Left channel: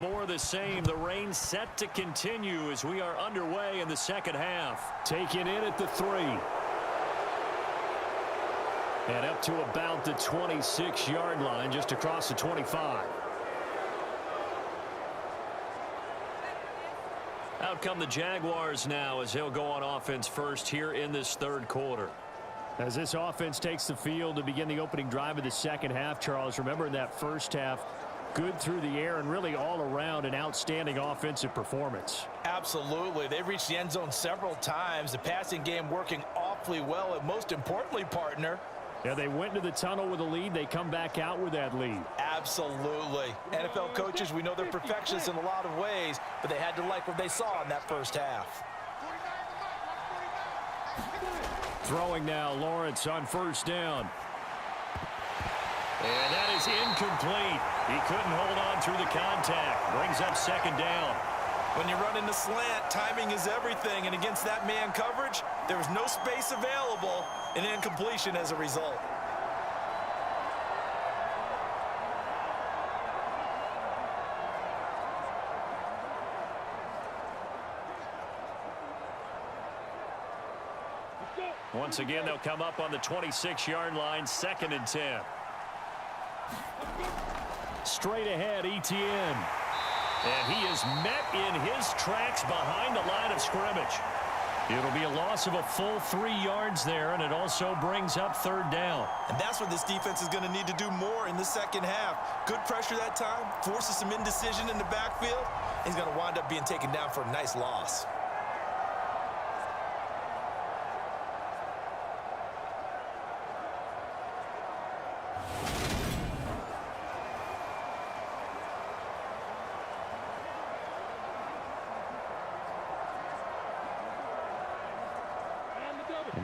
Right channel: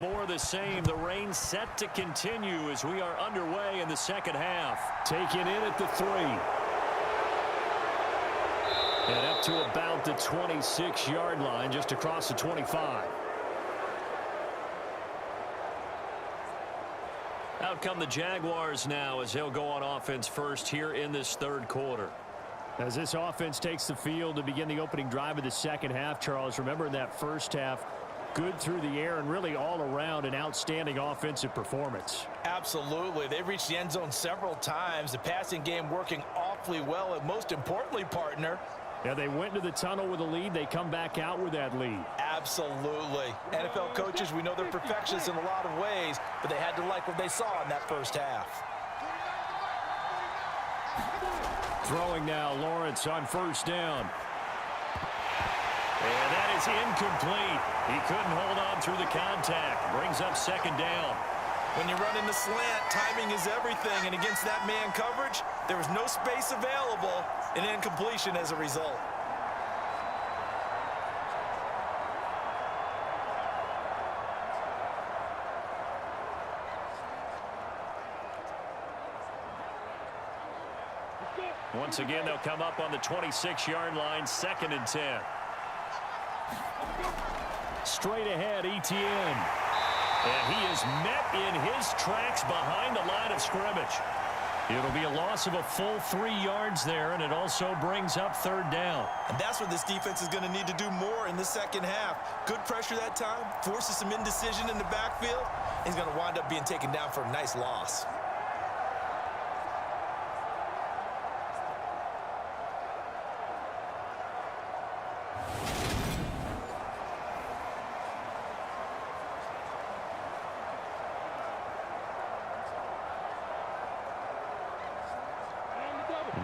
More the same. The rain set to continue as we are underway in the second half. Taken in at the 3. And up to about the 26-yard line, just across the 25. Out come the Jaguars now as they'll go on offense first here in this third quarter. As this offense takes the field to begin the opening drive of the second half, Charles, remember in that first half, good through the air and really all around an outstanding offensive performance. Absolutely. They've reached the end zone several times. The passing game working awfully well. And most importantly, partner, yeah, they went to the tunnel with a lead. They come back out with that lead. Absolutely. NFL coaches, we know they're perfectionists in a lot of ways, but they had to like what they saw in that first half. Throwing now, Lawrence on first down. And that is incomplete. He couldn't hold on through the contact. Brings up second down. When you run in the slant, timing is everything. And against that man coverage, there was no space available, and incompletion as a result. Once again, they'll come up on the 26-yard line, 2nd and 10. Straight ahead, Etienne. And he is met in his tracks behind the line of scrimmage. It'll be a loss of a full 3 yards there, and it also brings up third down. And that's what this defense is going to need to do more in the second half. Good pressure that time, forces some indecision in the backfield. He's going to wind up being taken down for a nice loss.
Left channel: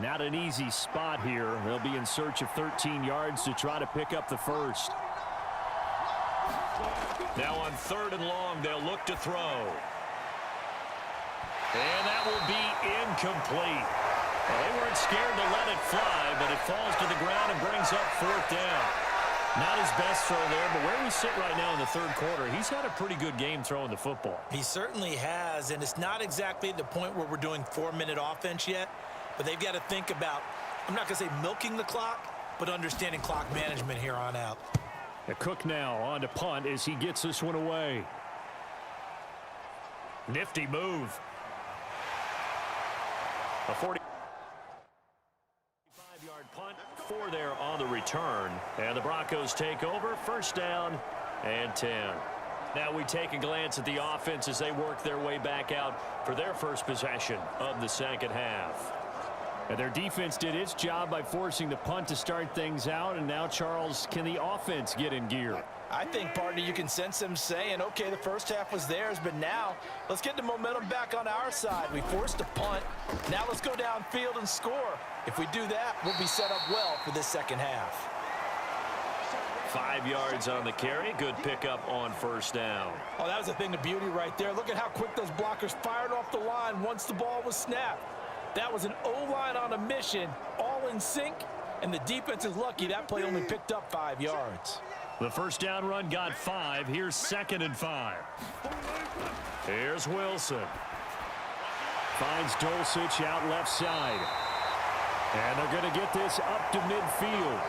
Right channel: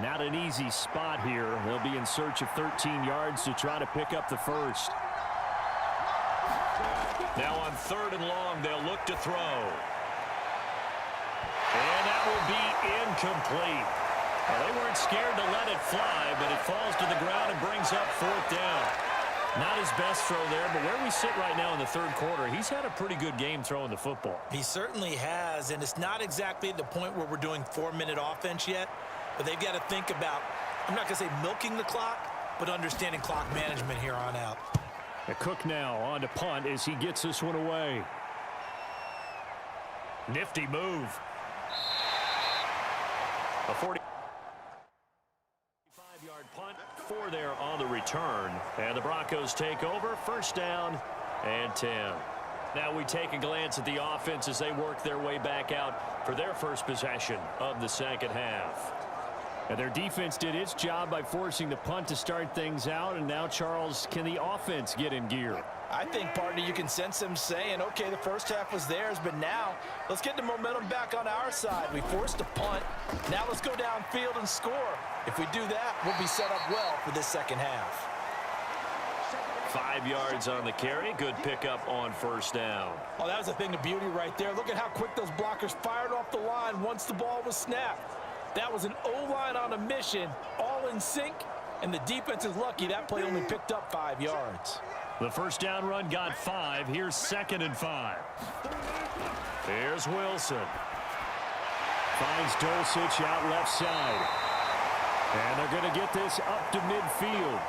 Not an easy spot here. They'll be in search of 13 yards to try to pick up the first. Now on 3rd and long, they'll look to throw. And that will be incomplete. Well, they weren't scared to let it fly, but it falls to the ground and brings up 4th down. Not his best throw there, but where we sit right now in the third quarter, he's had a pretty good game throwing the football. He certainly has, and it's not exactly at the point where we're doing 4-minute offense yet. But they've got to think about, I'm not going to say milking the clock, but understanding clock management here on out. The Cook now on to punt as he gets this one away. Nifty move. A 45-yard punt, 4 there on the return. And the Broncos take over, 1st down and 10. Now we take a glance at the offense as they work their way back out for their first possession of the second half. And their defense did its job by forcing the punt to start things out. And now, Charles, can the offense get in gear? I think, partner, you can sense them saying, okay, the first half was theirs, but now let's get the momentum back on our side. We forced a punt. Now let's go downfield and score. If we do that, we'll be set up well for this second half. 5 yards on the carry. Good pickup on 1st down. Oh, that was a thing of beauty right there. Look at how quick those blockers fired off the line once the ball was snapped. That was an O-line on a mission, all in sync, and the defense is lucky that play only picked up 5 yards. The first down run got 5. Here's 2nd and 5. Here's Wilson. Finds Dulcich out left side. And they're going to get this up to midfield.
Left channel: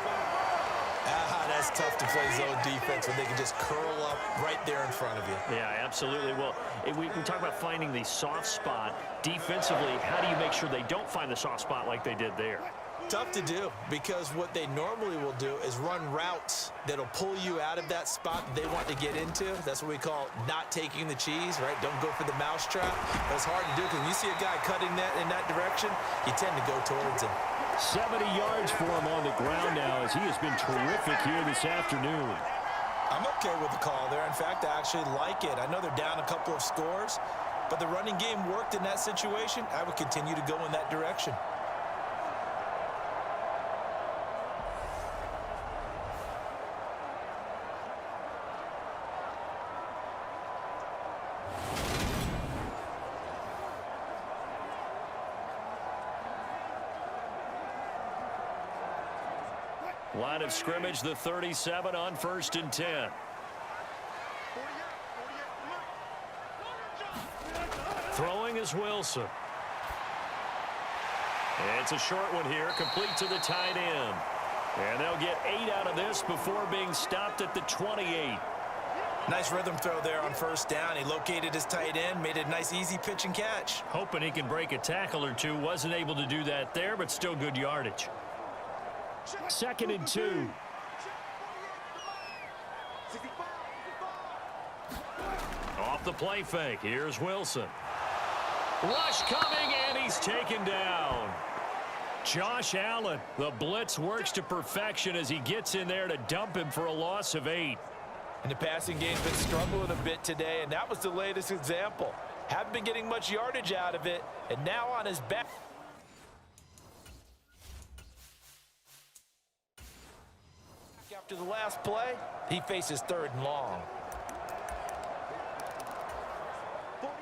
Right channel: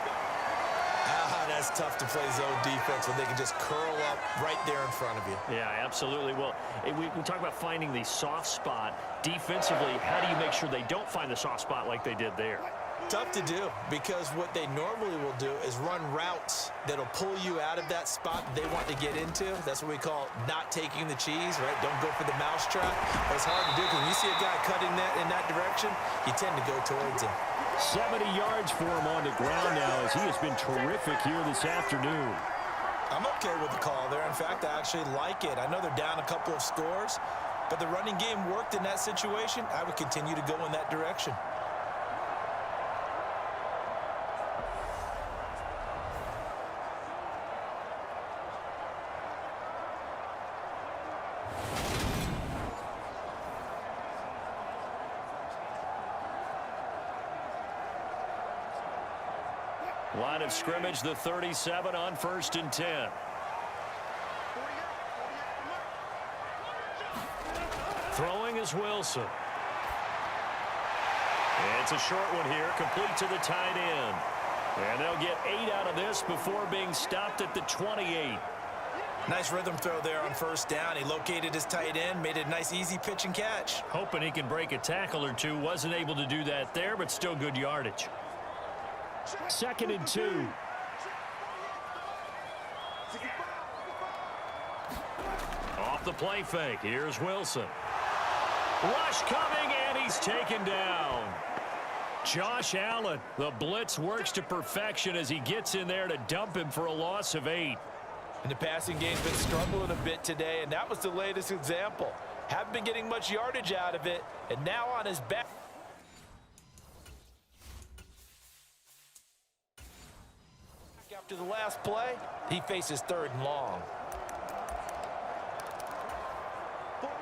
That's tough to play zone defense when they can just curl up right there in front of you. Yeah, absolutely. Well, we talk about finding the soft spot. Defensively, how do you make sure they don't find the soft spot like they did there? Tough to do, because what they normally will do is run routes that'll pull you out of that spot that they want to get into. That's what we call not taking the cheese, right? Don't go for the mousetrap. But it's hard to do because when you see a guy cutting that in that direction, you tend to go towards him. 70 yards for him on the ground now as he has been terrific here this afternoon. I'm okay with the call there. In fact, I actually like it. I know they're down a couple of scores, but the running game worked in that situation. I would continue to go in that direction. Line of scrimmage, the 37 on 1st and 10. 48, come on. Throwing is Wilson. It's a short one here, complete to the tight end. And they'll get 8 out of this before being stopped at the 28. Nice rhythm throw there on first down. He located his tight end, made a nice easy pitch and catch. Hoping he can break a tackle or two. Wasn't able to do that there, but still good yardage. 2nd and 2. Off the play fake. Here's Wilson. Rush coming, and he's taken down. Josh Allen, the blitz works to perfection as he gets in there to dump him for a loss of 8. And the passing game's been struggling a bit today, and that was the latest example. Haven't been getting much yardage out of it, and now on his back. After the last play, he faces 3rd and long.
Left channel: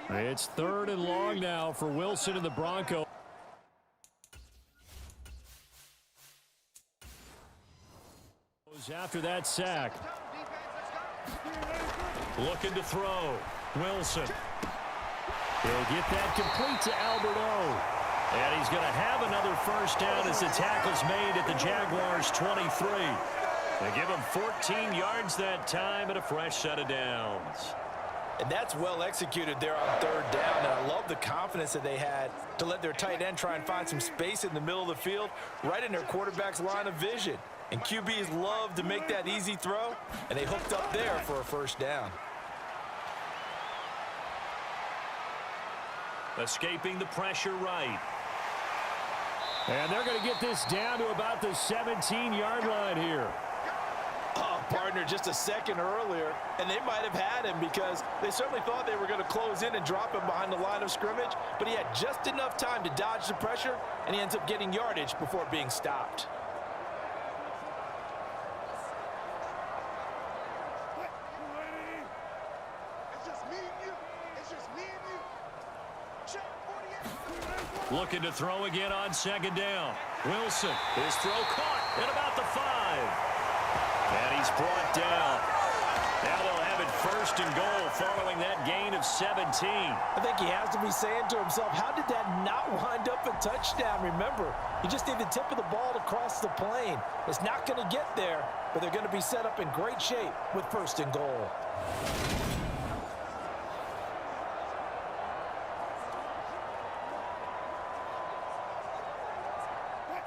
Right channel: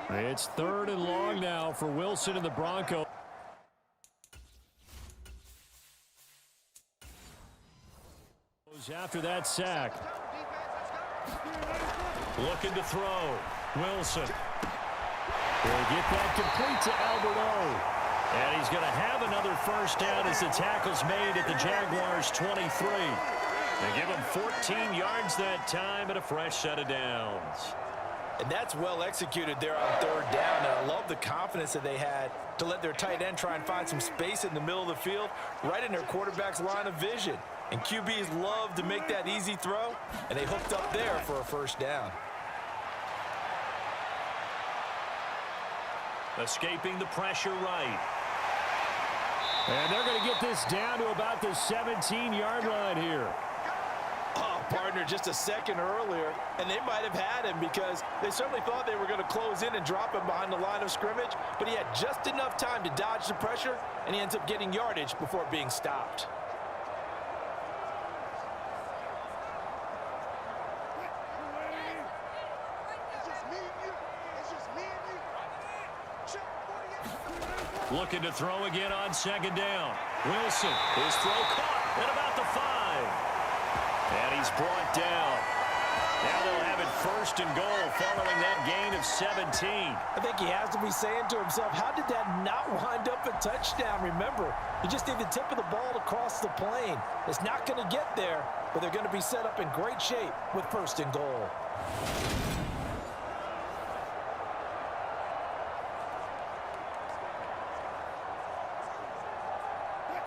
It's 3rd and long now for Wilson and the Broncos. After that sack. Looking to throw. Wilson. He'll get that complete to Alberto. And he's going to have another first down as the tackle's made at the Jaguars' 23. They give him 14 yards that time and a fresh set of downs. And that's well executed there on 3rd down. And I love the confidence that they had to let their tight end try and find some space in the middle of the field, right in their quarterback's line of vision. And QBs love to make that easy throw, and they hooked up there for a first down. Escaping the pressure right. And they're going to get this down to about the 17-yard line here. Oh, partner, just a second earlier, and they might have had him because they certainly thought they were going to close in and drop him behind the line of scrimmage, but he had just enough time to dodge the pressure, and he ends up getting yardage before being stopped. Looking to throw again on 2nd down. Wilson, his throw caught at about the 5. And he's brought down. Now they'll have it 1st and goal following that gain of 17. I think he has to be saying to himself, how did that not wind up a touchdown? Remember, you just need the tip of the ball to cross the plane. It's not going to get there, but they're going to be set up in great shape with 1st and goal.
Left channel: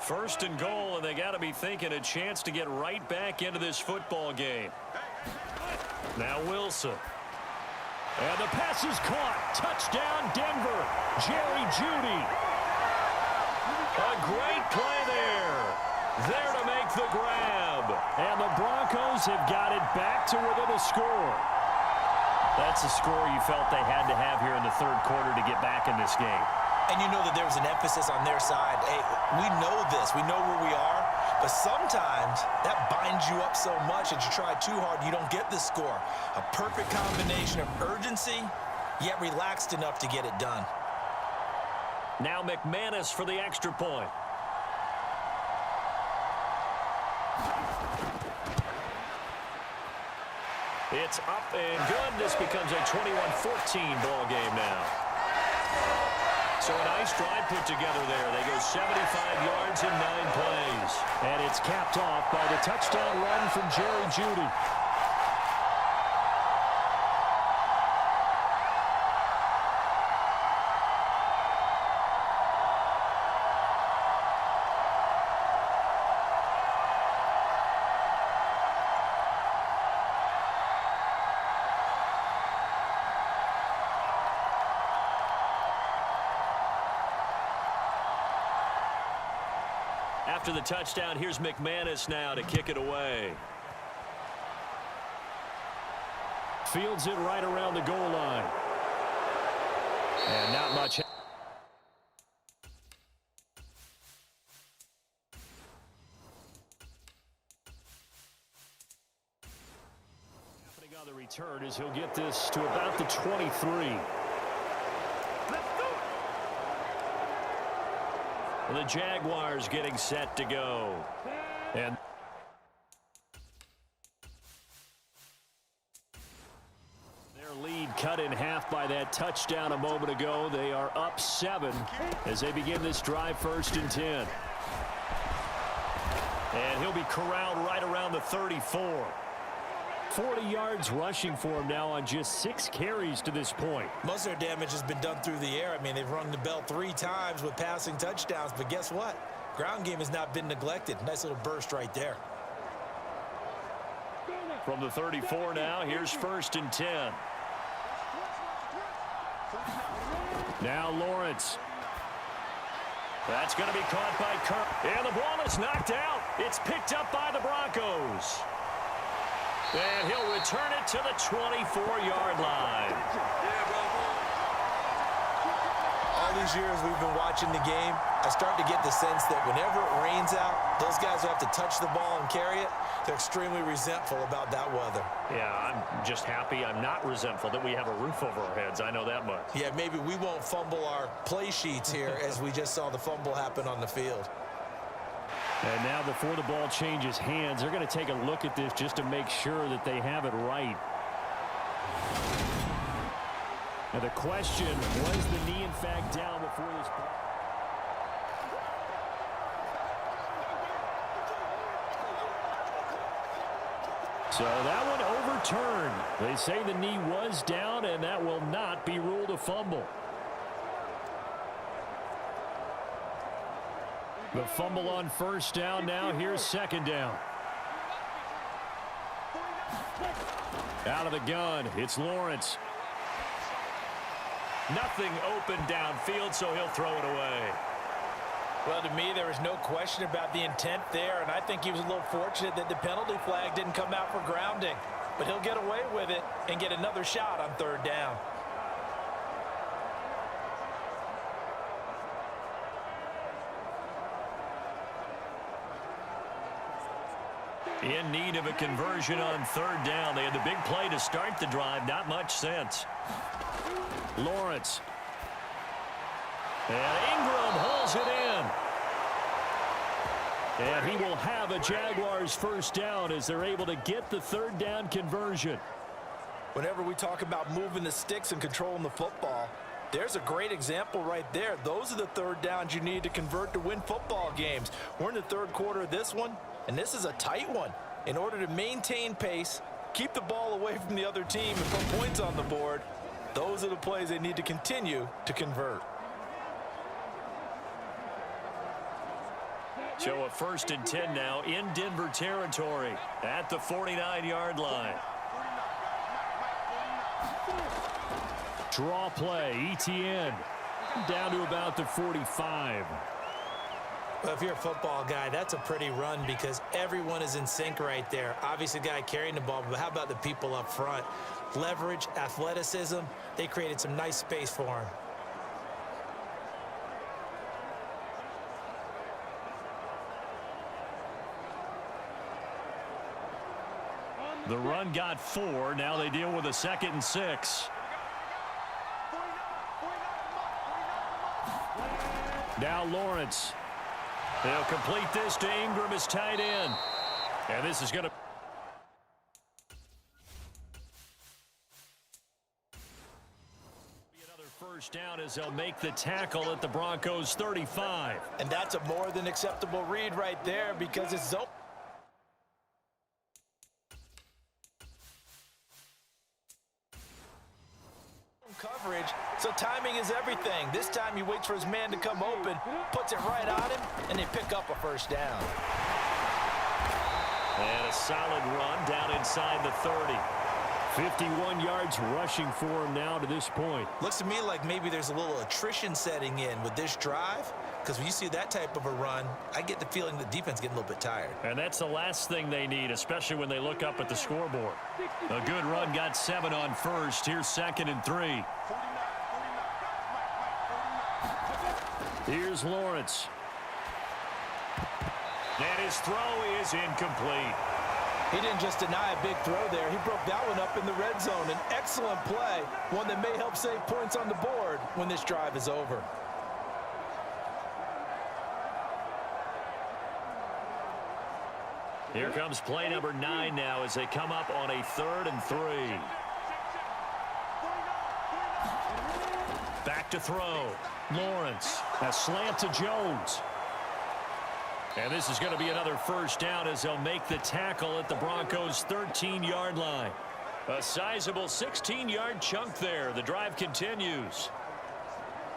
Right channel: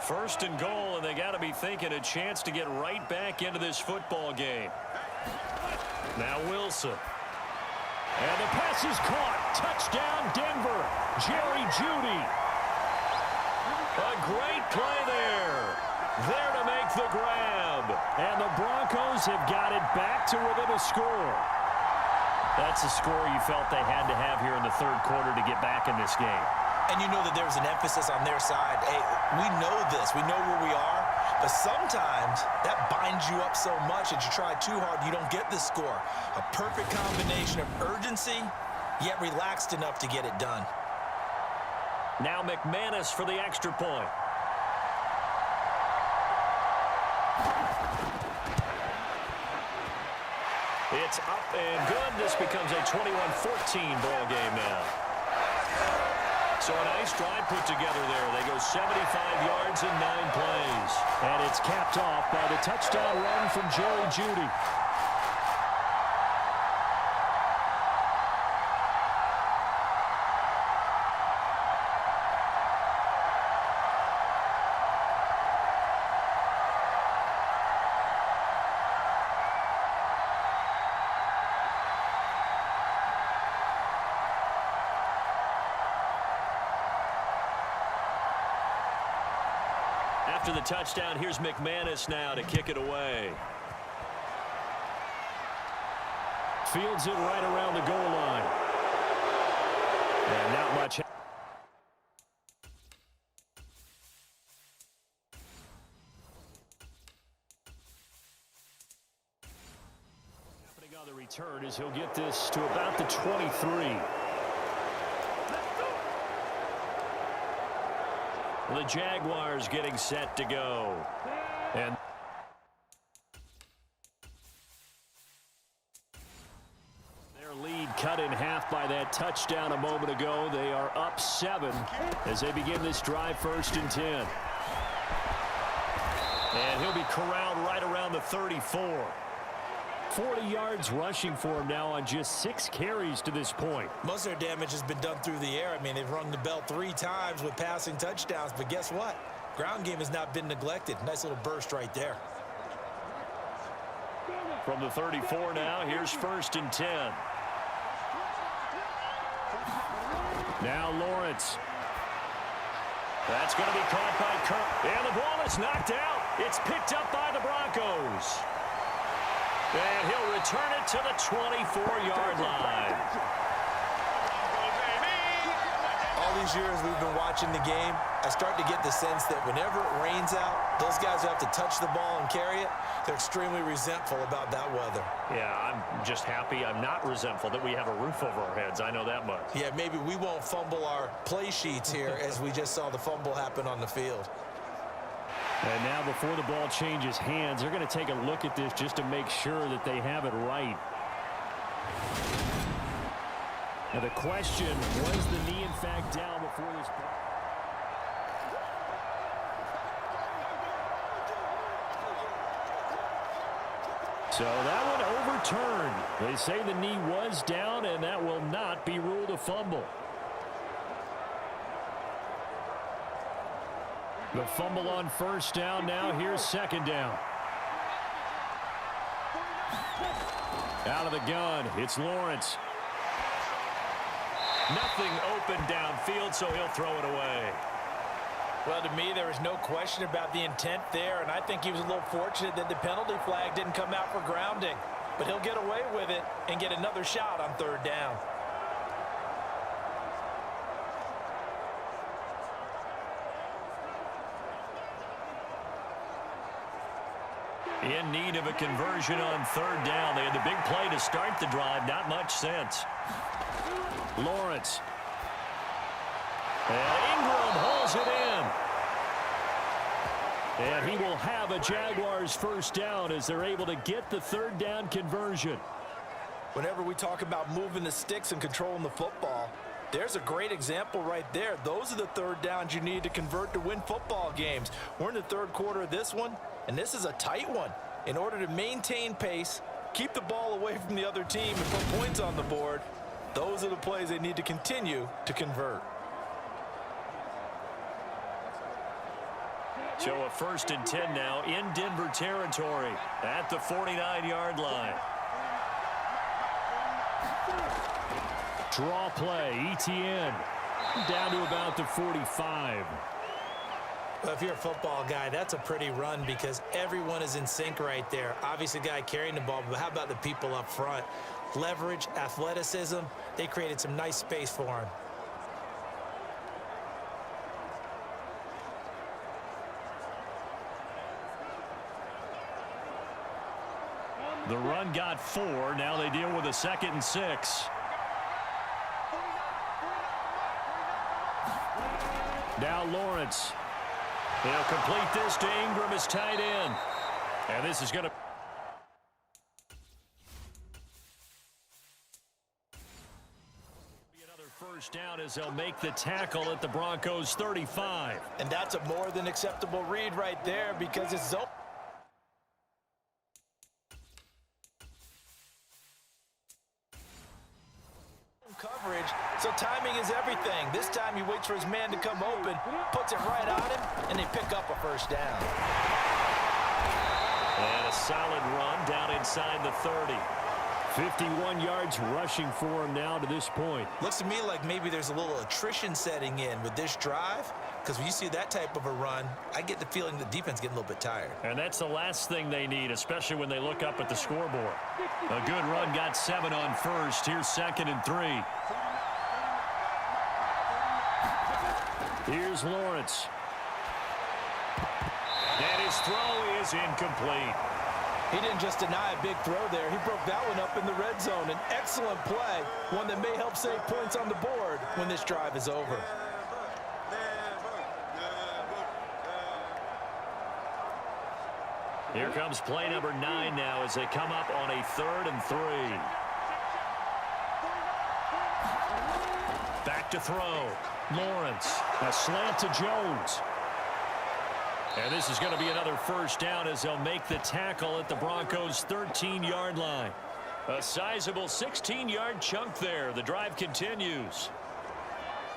1st and goal, and they got to be thinking a chance to get right back into this football game. Now Wilson. And the pass is caught. Touchdown, Denver. Jerry Jeudy. A great play there. There to make the grab. And the Broncos have got it back to within a score. That's a score you felt they had to have here in the 3rd quarter to get back in this game. And you know that there was an emphasis on their side. Hey, we know this. We know where we are. But sometimes that binds you up so much that you try too hard, you don't get the score. A perfect combination of urgency, yet relaxed enough to get it done. Now McManus for the extra point. It's up and good. This becomes a 21-14 ball game now. So a nice drive put together there. They go 75 yards in 9 plays. And it's capped off by the touchdown run from Jerry Jeudy. After the touchdown, here's McManus now to kick it away. Fields it right around the goal line. And not much. Happening on the return is he'll get this to about the 23. The Jaguars getting set to go. And their lead cut in half by that touchdown a moment ago. They are up 7 as they begin this drive, 1st and 10. And he'll be corralled right around the 34. 40 yards rushing for him now on just 6 carries to this point. Most of their damage has been done through the air. I mean, they've rung the bell 3 times with passing touchdowns, but guess what? Ground game has not been neglected. Nice little burst right there. From the 34 now, here's 1st and 10. Now Lawrence. That's going to be caught by Kirk. And the ball is knocked out. It's picked up by the Broncos. And he'll return it to the 24-yard line. All these years we've been watching the game, I start to get the sense that whenever it rains out, those guys who have to touch the ball and carry it, they're extremely resentful about that weather. Yeah, I'm just happy I'm not resentful that we have a roof over our heads. I know that much. Yeah, maybe we won't fumble our play sheets here as we just saw the fumble happen on the field. And now before the ball changes hands, they're going to take a look at this just to make sure that they have it right. Now the question, was the knee in fact down before this ball? So that one overturned. They say the knee was down, and that will not be ruled a fumble. The fumble on 1st down. Now here's 2nd down. Out of the gun, it's Lawrence. Nothing open downfield, so he'll throw it away. Well, to me, there was no question about the intent there, and I think he was a little fortunate that the penalty flag didn't come out for grounding. But he'll get away with it and get another shot on 3rd down. In need of a conversion on 3rd down. They had the big play to start the drive. Not much sense. Lawrence. And Ingram holds it in. And he will have a Jaguars 1st down as they're able to get the 3rd down conversion. Whenever we talk about moving the sticks and controlling the football, there's a great example right there. Those are the 3rd downs you need to convert to win football games. We're in the 3rd quarter of this one, and this is a tight one. In order to maintain pace, keep the ball away from the other team, and put points on the board, those are the plays they need to continue to convert. So a 1st and 10 now in Denver territory at the 49-yard line. Draw play, ETN down to about the 45. Well, if you're a football guy, that's a pretty run because everyone is in sync right there. Obviously, the guy carrying the ball, but how about the people up front? Leverage, athleticism, they created some nice space for him. The run got 4. Now they deal with a 2nd and 6. Now Lawrence. They'll complete this to Ingram as tight end. And this is going to be another 1st down as they'll make the tackle at the Broncos 35. And that's a more than acceptable read right there because it's zone coverage, so timing is everything. This time he waits for his man to come open, puts it right on him, and they pick up a 1st down. And a solid run down inside the 30. 51 yards rushing for him now to this point. Looks to me like maybe there's a little attrition setting in with this drive, because when you see that type of a run, I get the feeling the defense getting a little bit tired. And that's the last thing they need, especially when they look up at the scoreboard. A good run got 7 on 1st. Here's 2nd and 3. Here's Lawrence. And his throw is incomplete. He didn't just deny a big throw there. He broke that one up in the red zone. An excellent play, one that may help save points on the board when this drive is over. Here comes play number 9 now as they come up on a 3rd and 3. Back to throw. Lawrence. A slant to Jones. And this is going to be another first down as they'll make the tackle at the Broncos' 13-yard line. A sizable 16-yard chunk there. The drive continues.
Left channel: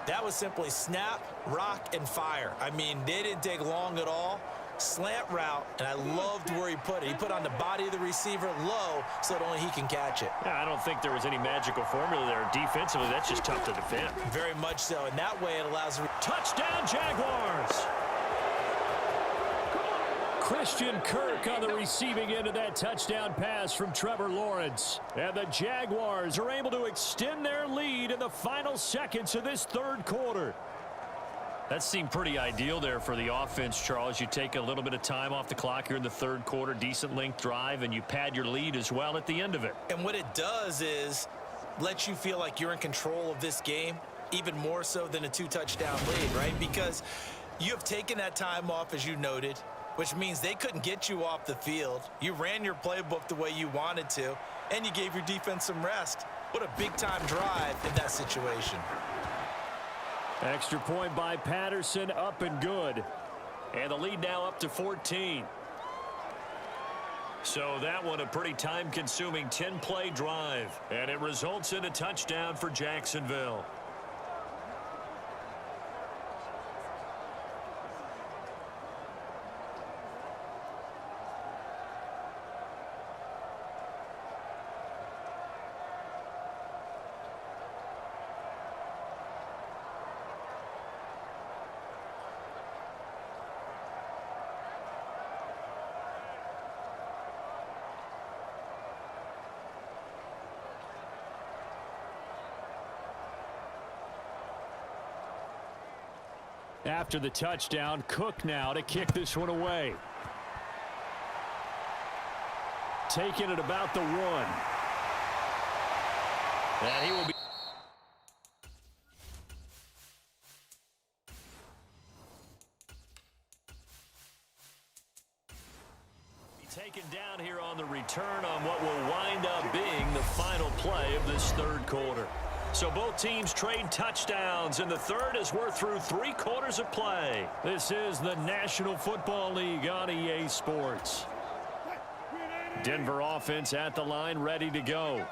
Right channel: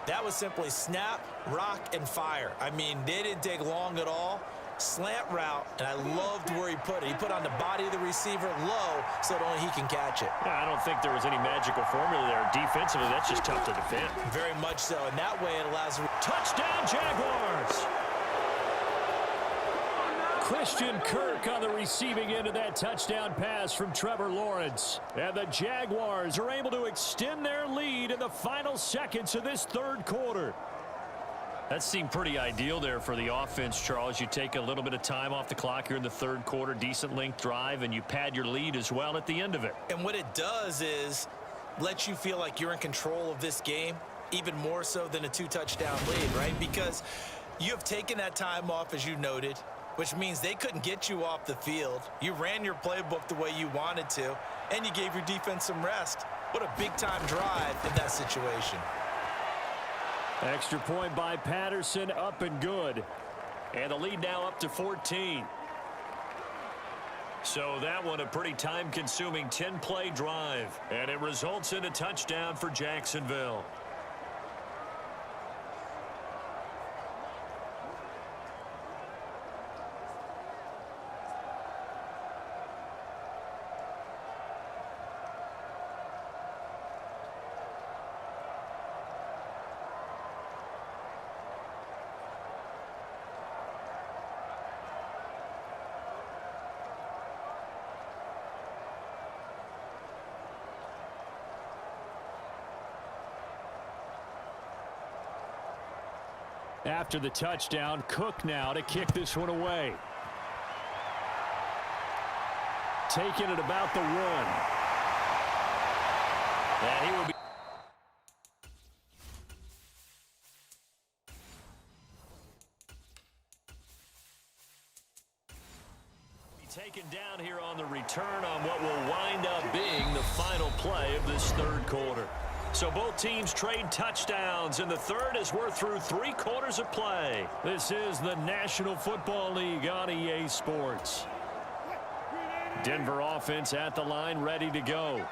That was simply snap, rock, and fire. I mean, they didn't take long at all. Slant route, and I loved where he put it. He put on the body of the receiver low so that only he can catch it. Yeah, I don't think there was any magical formula there. Defensively, that's just tough to defend. Very much so, and that way it allows... Touchdown, Jaguars! Christian Kirk on the receiving end of that touchdown pass from Trevor Lawrence. And the Jaguars are able to extend their lead in the final seconds of this third quarter. That seemed pretty ideal there for the offense, Charles. You take a little bit of time off the clock here in the third quarter, decent length drive, and you pad your lead as well at the end of it. And what it does is let you feel like you're in control of this game, even more so than a two-touchdown lead, right? Because you have taken that time off, as you noted, which means they couldn't get you off the field. You ran your playbook the way you wanted to, and you gave your defense some rest. What a big-time drive in that situation. Extra point by Patterson, up and good. And the lead now up to 14. So that one a pretty time-consuming 10-play drive. And it results in a touchdown for Jacksonville. After the touchdown, Cook now to kick this one away. Taking it about the 1. And he will be taken down here on the return on what will wind up being the final play of this third quarter. So both teams trade touchdowns, and the third as we're through 3 quarters of play. This is the National Football League on EA Sports. Denver offense at the line, ready to go.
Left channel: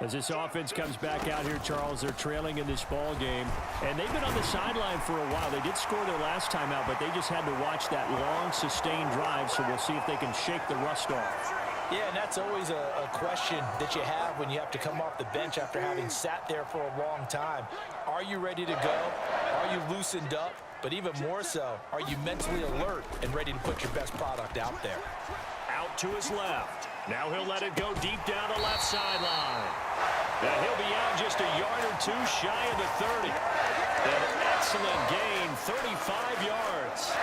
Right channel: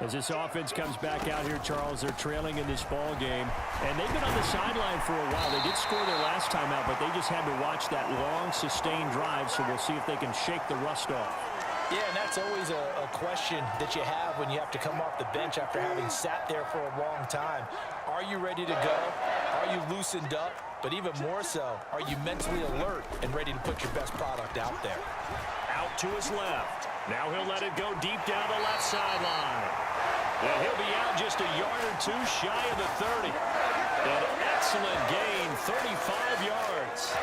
As this offense comes back out here, Charles, they're trailing in this ball game, and they've been on the sideline for a while. They did score their last time out, but they just had to watch that long, sustained drive, so we'll see if they can shake the rust off. Yeah, and that's always a question that you have when you have to come off the bench after having sat there for a long time. Are you ready to go? Are you loosened up? But even more so, are you mentally alert and ready to put your best product out there? Out to his left. Now he'll let it go deep down the left sideline. And he'll be out just a yard or two shy of the 30. An excellent gain, 35 yards.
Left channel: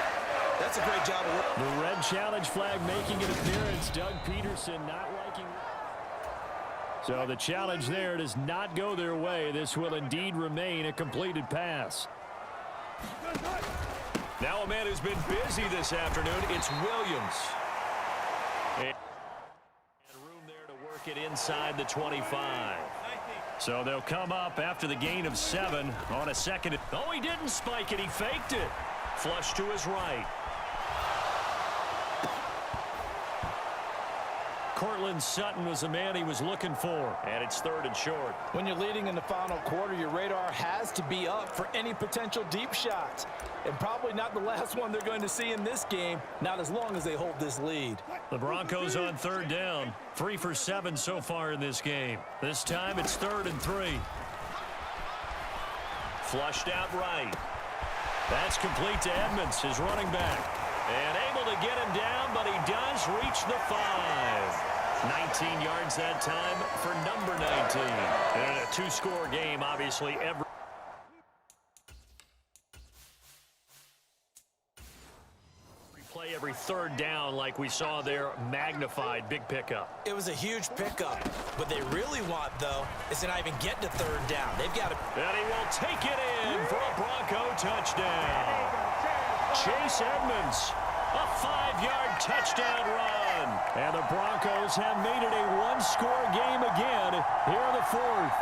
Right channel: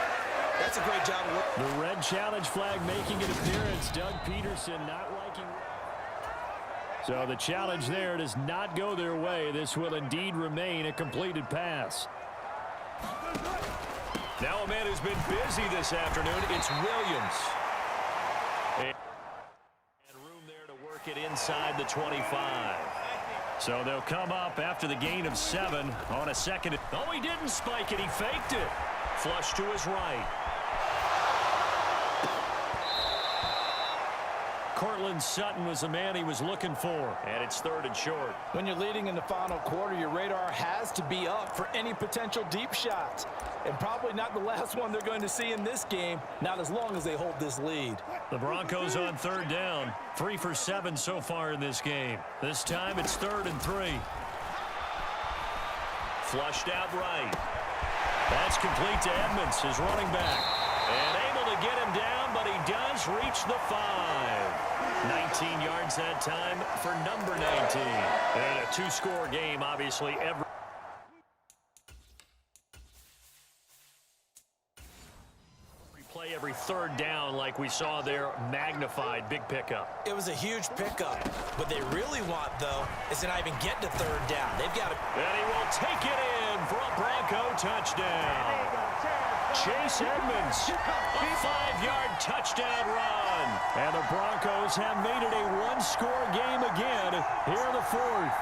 That's a great job of work. The red challenge flag making an appearance. Doug Peterson not liking. So the challenge there does not go their way. This will indeed remain a completed pass. Now a man who's been busy this afternoon, it's Williams. And room there to work it inside the 25. So they'll come up after the gain of 7 on a second. Oh, he didn't spike it. He faked it. Flush to his right. Cortland Sutton was the man he was looking for. And it's 3rd and short. When you're leading in the final quarter, your radar has to be up for any potential deep shots. And probably not the last one they're going to see in this game, not as long as they hold this lead. The Broncos on 3rd down. 3 for 7 so far in this game. This time it's 3rd and 3. Flushed out right. That's complete to Edmonds, his running back. And able to get him down, but he does reach the 5. 19 yards that time for number 19. And a 2-score game, obviously, every play, every 3rd down like we saw there, magnified, big pickup. It was a huge pickup. What they really want, though, is to not even get to 3rd down. They've got to... And he will take it in for a Bronco touchdown. Chase Edmonds, a 5-yard touchdown run. And the Broncos have made it a 1-score game again here in the 4th.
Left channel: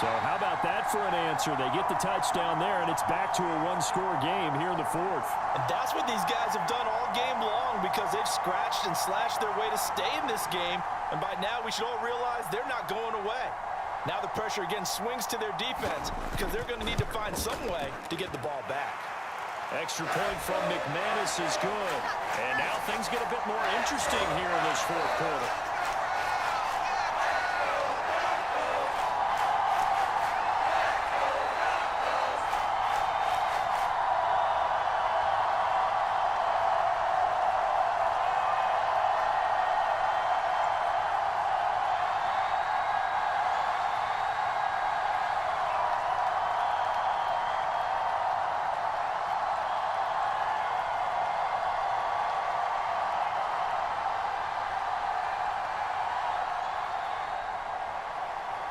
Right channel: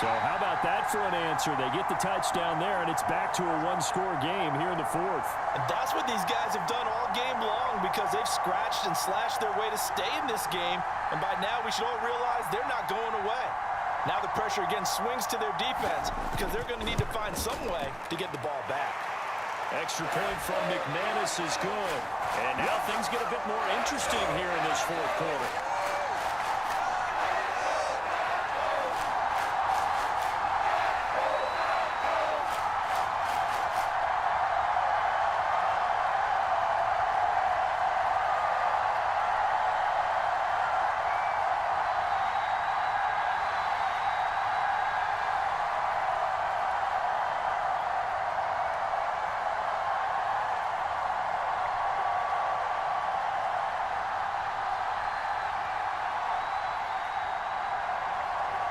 So how about that for an answer? They get the touchdown there, and it's back to a one-score game here in the fourth. And that's what these guys have done all game long because they've scratched and slashed their way to stay in this game. And by now, we should all realize they're not going away. Now the pressure again swings to their defense because they're going to need to find some way to get the ball back. Extra point from McManus is good. And now things get a bit more interesting here in this fourth quarter.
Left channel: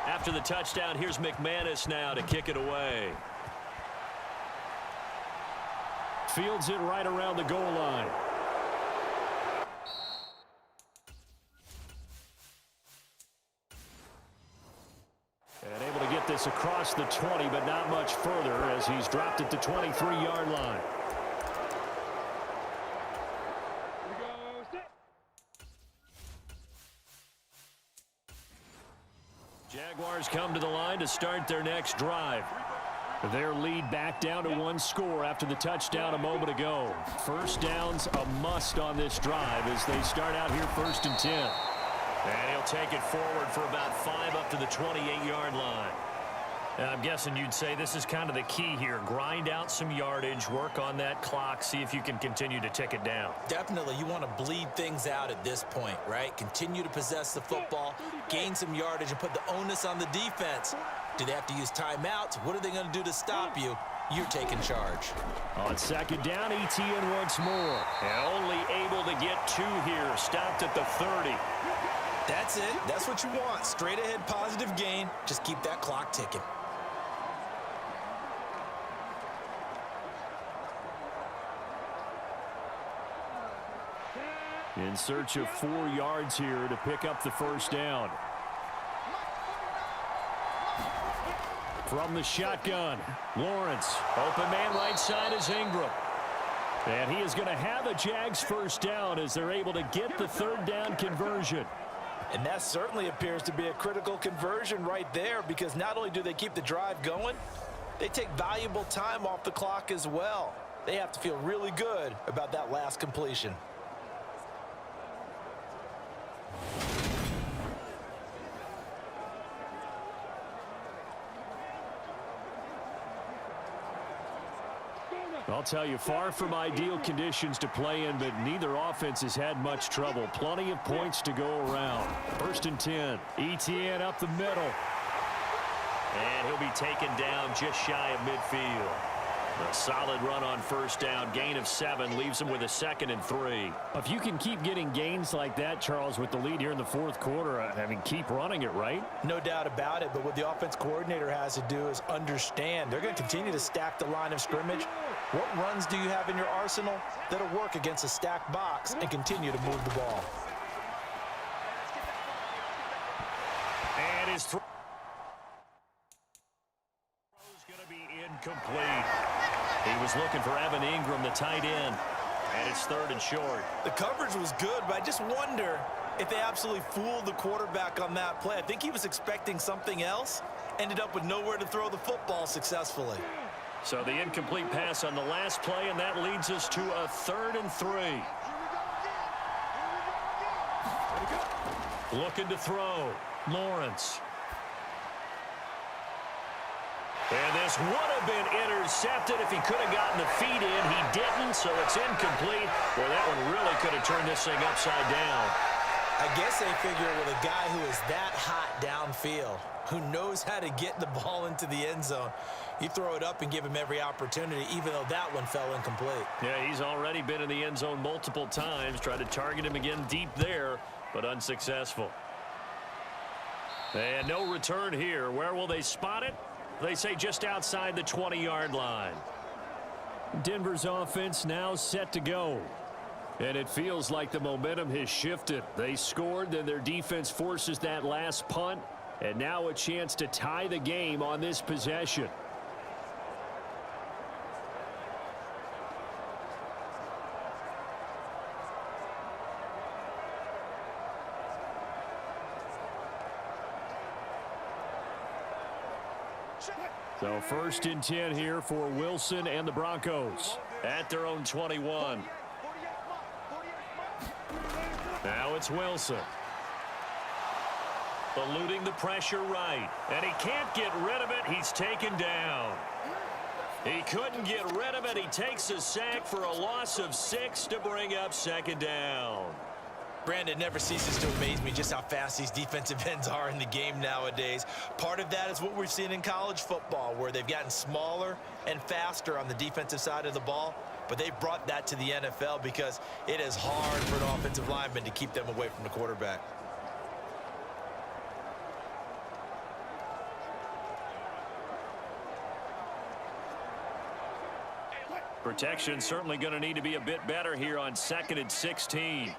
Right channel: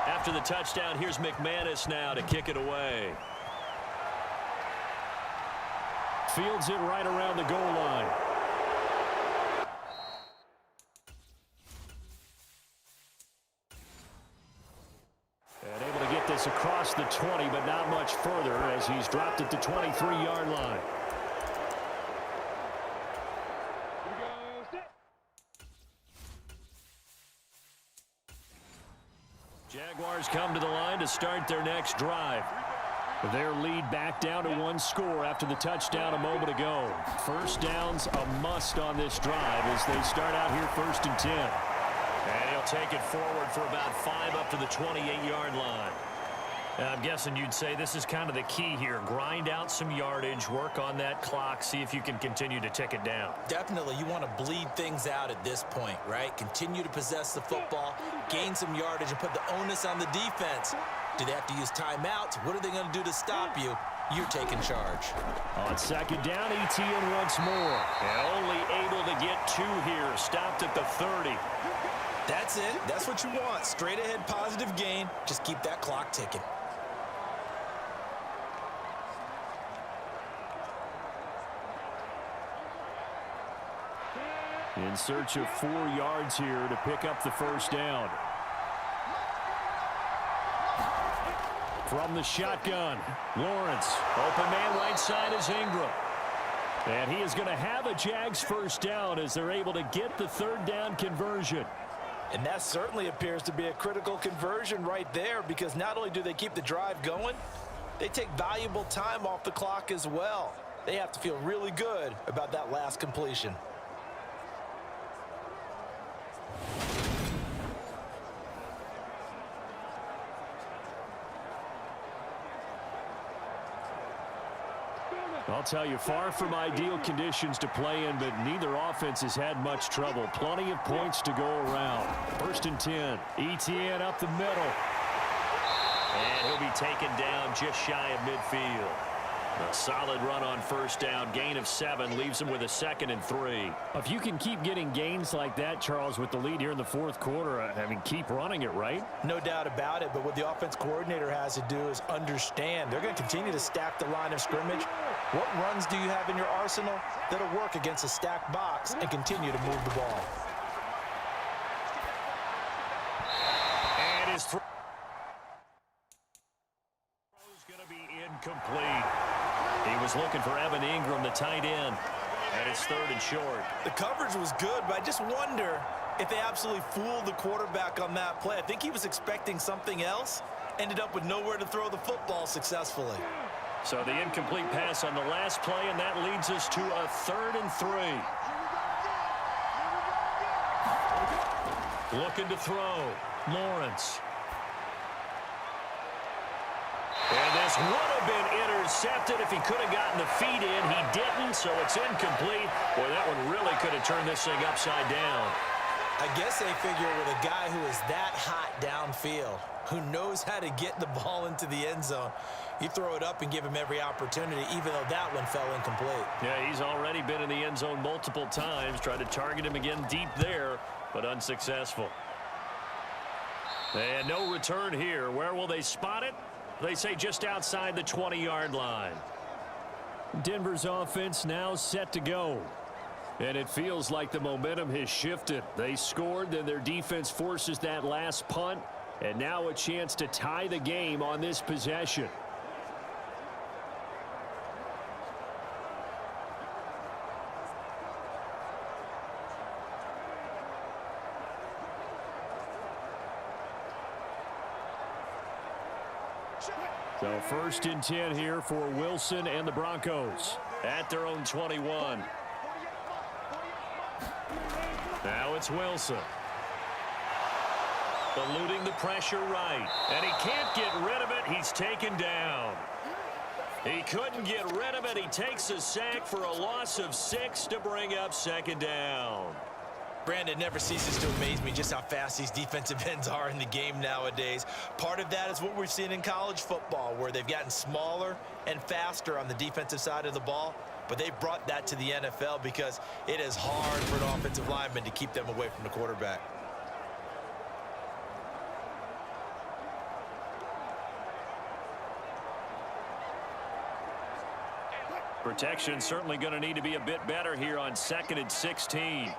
After the touchdown, here's McManus now to kick it away. Fields it right around the goal line. And able to get this across the 20, but not much further as he's dropped it to 23-yard line. Jaguars come to the line to start their next drive. Their lead back down to one score after the touchdown a moment ago. First down's a must on this drive as they start out here 1st and 10. And he'll take it forward for about 5 up to the 28-yard line. I'm guessing you'd say this is kind of the key here. Grind out some yardage, work on that clock, see if you can continue to tick it down. Definitely, you want to bleed things out at this point, right? Continue to possess the football, gain some yardage, and put the onus on the defense. Do they have to use timeouts? What are they going to do to stop you? You're taking charge. On 2nd down, ETN once more. And only able to get 2 here. Stopped at the 30. That's it. That's what you want. Straight ahead, positive gain. Just keep that clock ticking. In search of 4 yards here to pick up the first down. From the shotgun, Lawrence. Open man right side is Ingram. And he is going to have a Jags first down as they're able to get the 3rd down conversion. And that certainly appears to be a critical conversion right there because not only do they keep the drive going, they take valuable time off the clock as well. They have to feel really good about that last completion. I'll tell you, far from ideal conditions to play in, but neither offense has had much trouble. Plenty of points to go around. 1st and 10. ETN up the middle. And he'll be taken down just shy of midfield. A solid run on 1st down. Gain of 7 leaves him with a 2nd and 3. If you can keep getting gains like that, Charles, with the lead here in the 4th quarter, I mean, keep running it, right? No doubt about it, but what the offense coordinator has to do is understand. They're going to continue to stack the line of scrimmage. What runs do you have in your arsenal that'll work against a stacked box and continue to move the ball? And his throw is going to be incomplete. He was looking for Evan Ingram, the tight end, and it's 3rd and short. The coverage was good, but I just wonder if they absolutely fooled the quarterback on that play. I think he was expecting something else, ended up with nowhere to throw the football successfully. So the incomplete pass on the last play, and that leads us to a 3rd and 3. Looking to throw. Lawrence. And this would have been intercepted if he could have gotten the feet in. He didn't, so it's incomplete. Boy, that one really could have turned this thing upside down. I guess they figure with a guy who is that hot downfield, who knows how to get the ball into the end zone, you throw it up and give him every opportunity, even though that one fell incomplete. Yeah, he's already been in the end zone multiple times. Tried to target him again deep there, but unsuccessful. And no return here. Where will they spot it? They say just outside the 20-yard line. Denver's offense now set to go. And it feels like the momentum has shifted. They scored, then their defense forces that last punt. And now a chance to tie the game on this possession. So 1st and 10 here for Wilson and the Broncos at their own 21. Now it's Wilson. Eluding the pressure right. And he can't get rid of it. He's taken down. He couldn't get rid of it. He takes a sack for a loss of 6 to bring up 2nd down. Brandon, never ceases to amaze me just how fast these defensive ends are in the game nowadays. Part of that is what we've seen in college football, where they've gotten smaller and faster on the defensive side of the ball. But they've brought that to the NFL because it is hard for an offensive lineman to keep them away from the quarterback. Protection certainly going to need to be a bit better here on 2nd and 16.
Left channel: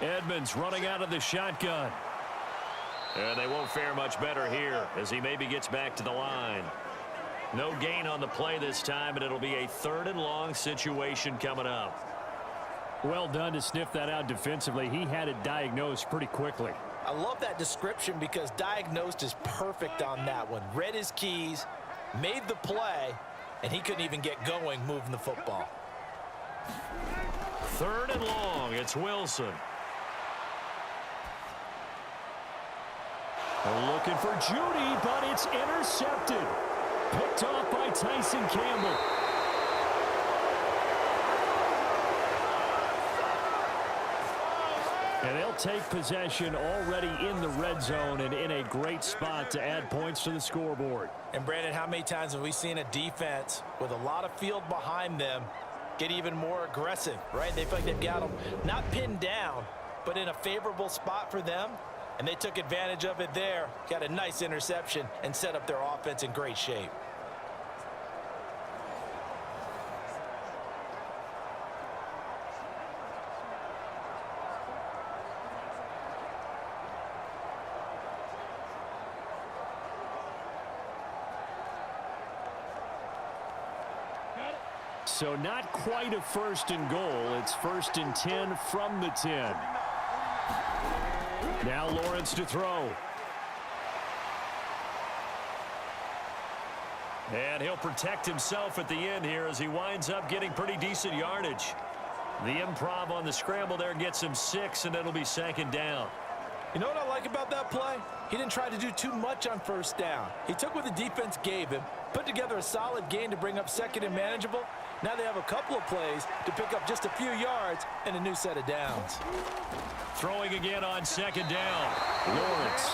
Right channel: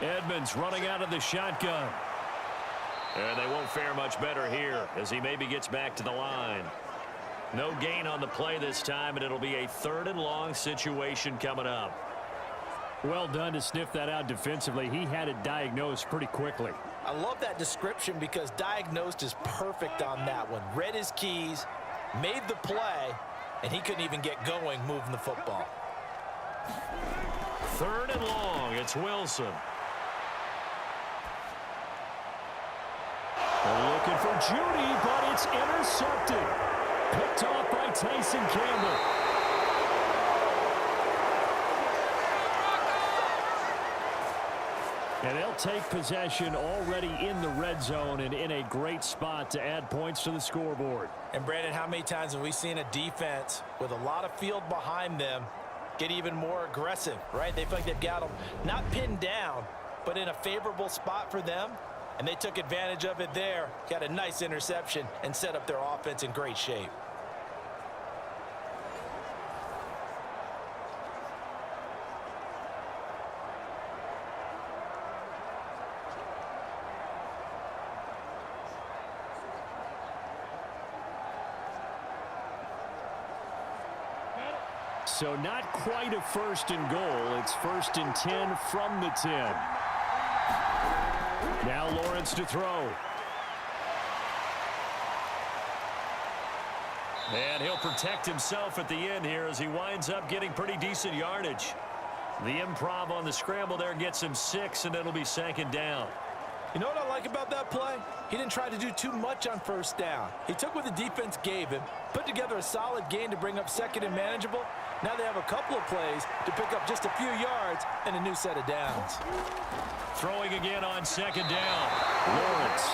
Edmonds running out of the shotgun. And they won't fare much better here as he maybe gets back to the line. No gain on the play this time, and it'll be a 3rd and long situation coming up. Well done to sniff that out defensively. He had it diagnosed pretty quickly. I love that description because diagnosed is perfect on that one. Read his keys, made the play, and he couldn't even get going moving the football. 3rd and long. It's Wilson. Looking for Judy, but it's intercepted. Picked off by Tyson Campbell. And they'll take possession already in the red zone and in a great spot to add points to the scoreboard. And Brandon, how many times have we seen a defense with a lot of field behind them get even more aggressive, right? They feel like they've got them not pinned down, but in a favorable spot for them. And they took advantage of it there, got a nice interception, and set up their offense in great shape. So not quite a 1st and goal. It's 1st and 10 from the 10. Now Lawrence to throw. And he'll protect himself at the end here as he winds up getting pretty decent yardage. The improv on the scramble there gets him 6, and it'll be 2nd down. You know what I like about that play? He didn't try to do too much on 1st down. He took what the defense gave him, put together a solid gain to bring up 2nd and manageable. Now they have a couple of plays to pick up just a few yards and a new set of downs. Throwing again on 2nd down. Lawrence.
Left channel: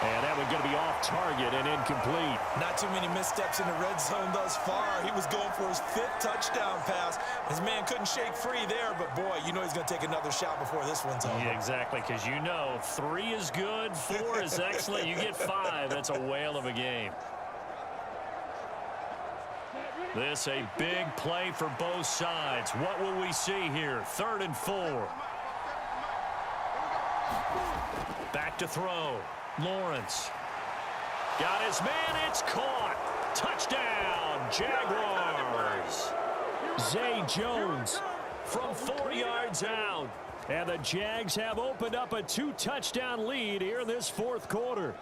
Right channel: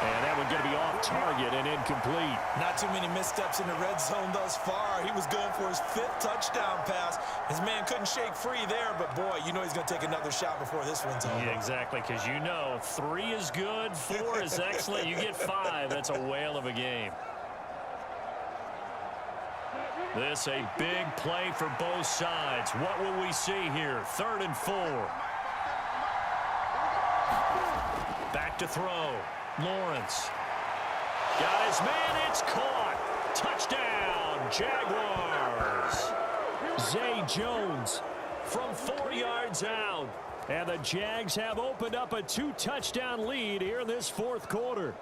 And that one going to be off target and incomplete. Not too many missteps in the red zone thus far. He was going for his 5th touchdown pass. His man couldn't shake free there, but boy, you know he's going to take another shot before this one's over. Yeah, exactly, because you know 3 is good, 4 is excellent. You get 5. That's a whale of a game. This a big play for both sides. What will we see here? 3rd and 4. Back to throw. Lawrence. Got his man. It's caught. Touchdown, Jaguars. Zay Jones from 4 yards out. And the Jags have opened up a 2-touchdown lead here in this 4th quarter.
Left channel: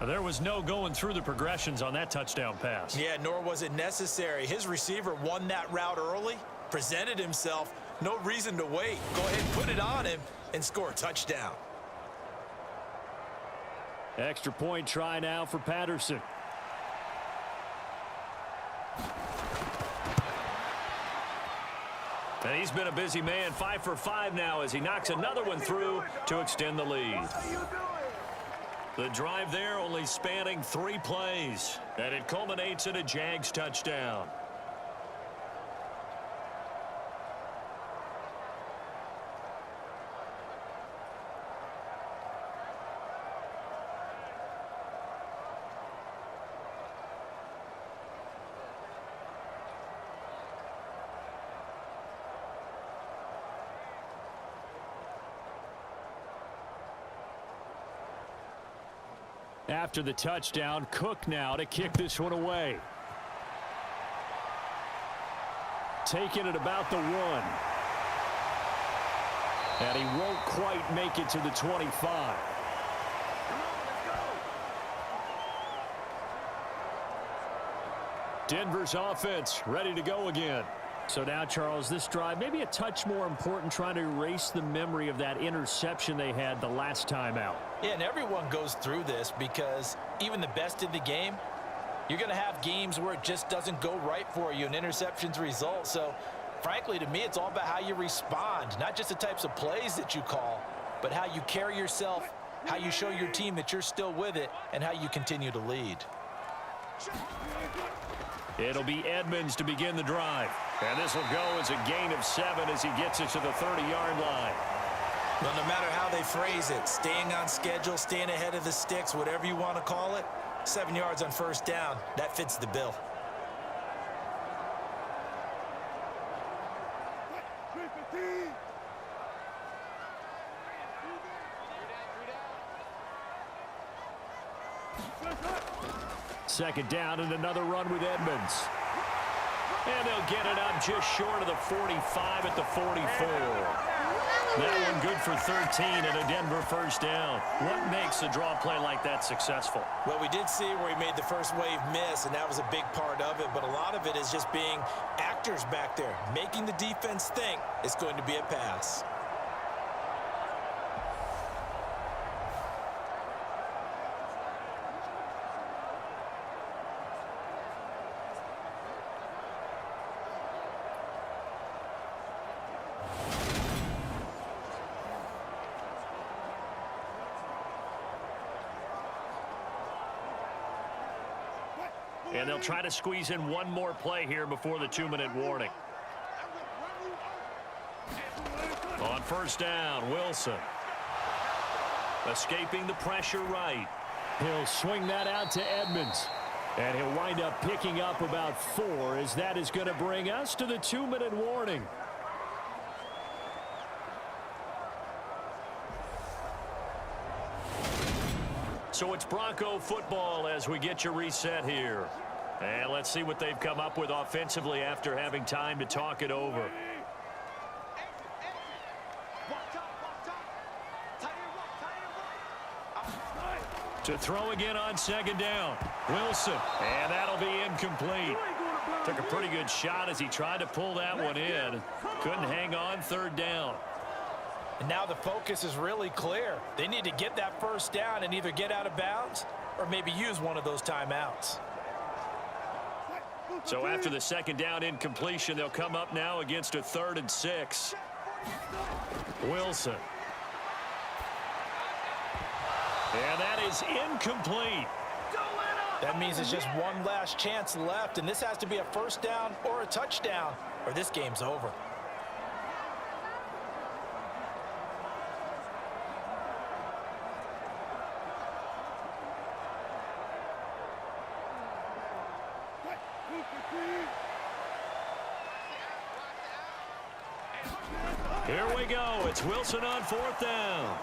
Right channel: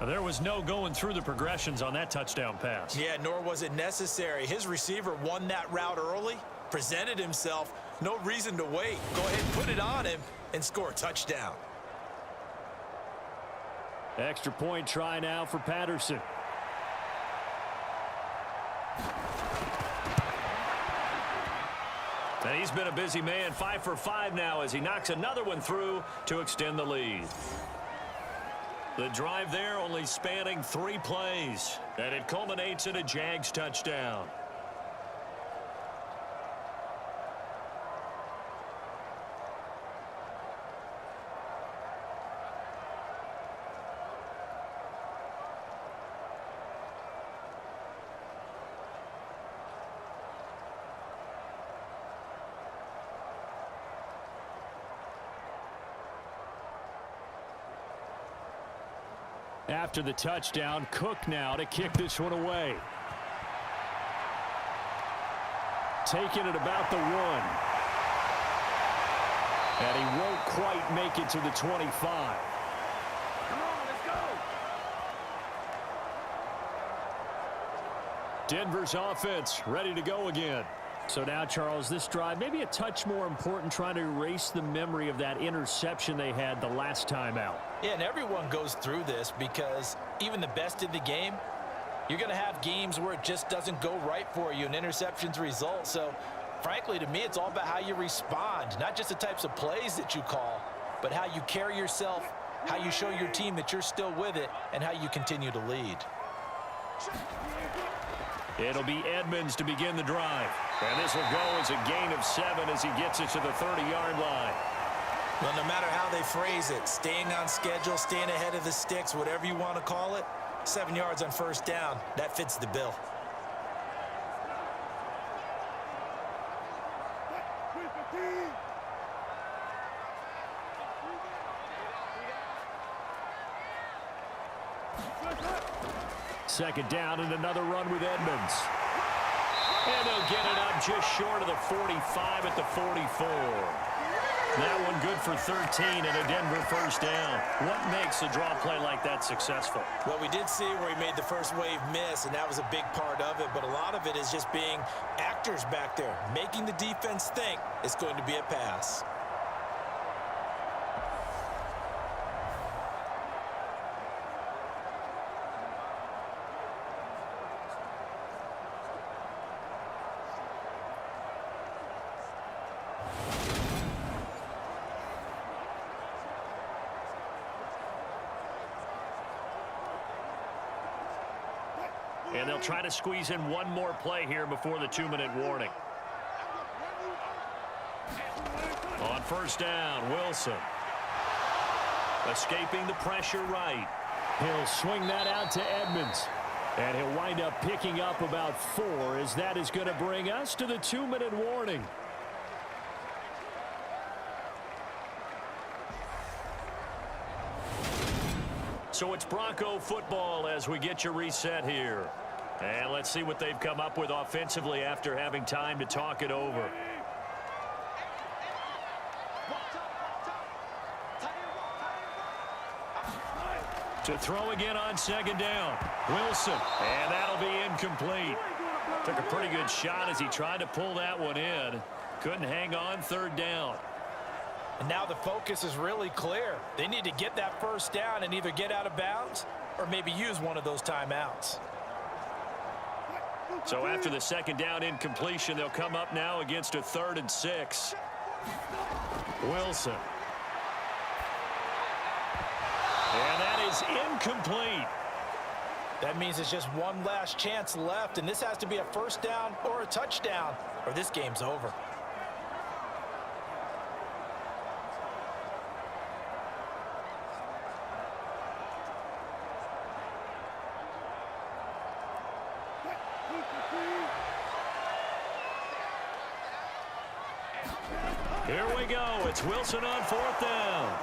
There was no going through the progressions on that touchdown pass. Yeah, nor was it necessary. His receiver won that route early, presented himself. No reason to wait. Go ahead and put it on him and score a touchdown. Extra point try now for Patterson. And he's been a busy man, 5 for 5 now as he knocks another one through to extend the lead. The drive there only spanning 3 plays, and it culminates in a Jags touchdown. After the touchdown, Cook now to kick this one away. Taking it about the 1. And he won't quite make it to the 25. Come on, let's go. Denver's offense ready to go again. So now, Charles, this drive maybe a touch more important, trying to erase the memory of that interception they had the last time out. Yeah, and everyone goes through this because even the best in the game, you're going to have games where it just doesn't go right for you, and interceptions result. So, frankly, to me, it's all about how you respond, not just the types of plays that you call, but how you carry yourself, how you show your team that you're still with it, and how you continue to lead. It'll be Edmonds to begin the drive. And this will go as a gain of 7 as he gets it to the 30-yard line. Well, no matter how they phrase it, staying on schedule, staying ahead of the sticks, whatever you want to call it, 7 yards on first down, that fits the bill. Second down and another run with Edmonds. And they'll get it up just short of the 45 at the 44. That one good for 13 and a Denver first down. What makes a draw play like that successful? Well, we did see where he made the first wave miss, and that was a big part of it. But a lot of it is just being actors back there, making the defense think it's going to be a pass. And they'll try to squeeze in one more play here before the 2-minute warning. On first down, Wilson. Escaping the pressure right. He'll swing that out to Edmonds. And he'll wind up picking up about 4 as that is going to bring us to the 2-minute warning. So it's Bronco football as we get you reset here. And let's see what they've come up with offensively after having time to talk it over. To throw again on second down. Wilson. And that'll be incomplete. Took a pretty good shot as he tried to pull that one in. Couldn't hang on third down. And now the focus is really clear. They need to get that first down and either get out of bounds or maybe use one of those timeouts. So after the second down incompletion, they'll come up now against a 3rd and 6. Wilson. And that is incomplete. That means it's just one last chance left, and this has to be a first down or a touchdown, or this game's over. Here we go. It's Wilson on 4th down.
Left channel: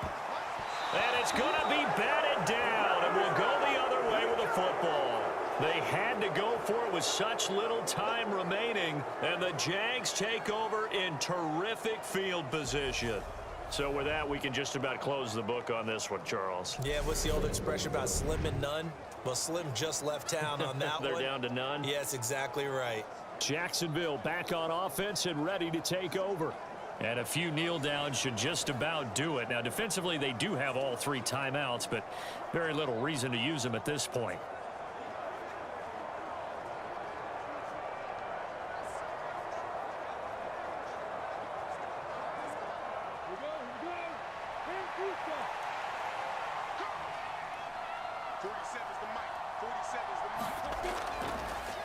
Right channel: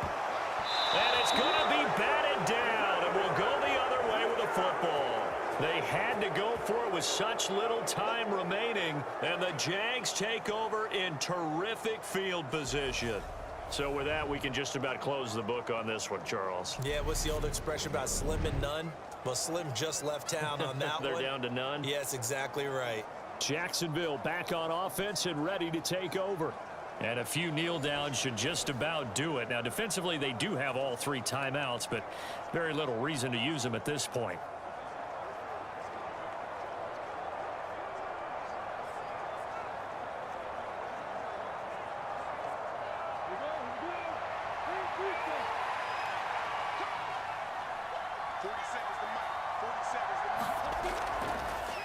And it's going to be batted down, and we'll go the other way with the football. They had to go for it with such little time remaining, and the Jags take over in terrific field position. So with that, we can just about close the book on this one, Charles. Yeah, what's the old expression about slim and none? Well, Slim just left town on that They're one. down to none? Yes, exactly right. Jacksonville back on offense and ready to take over. And a few kneel downs should just about do it. Now, defensively, they do have all 3 timeouts, but very little reason to use them at this point.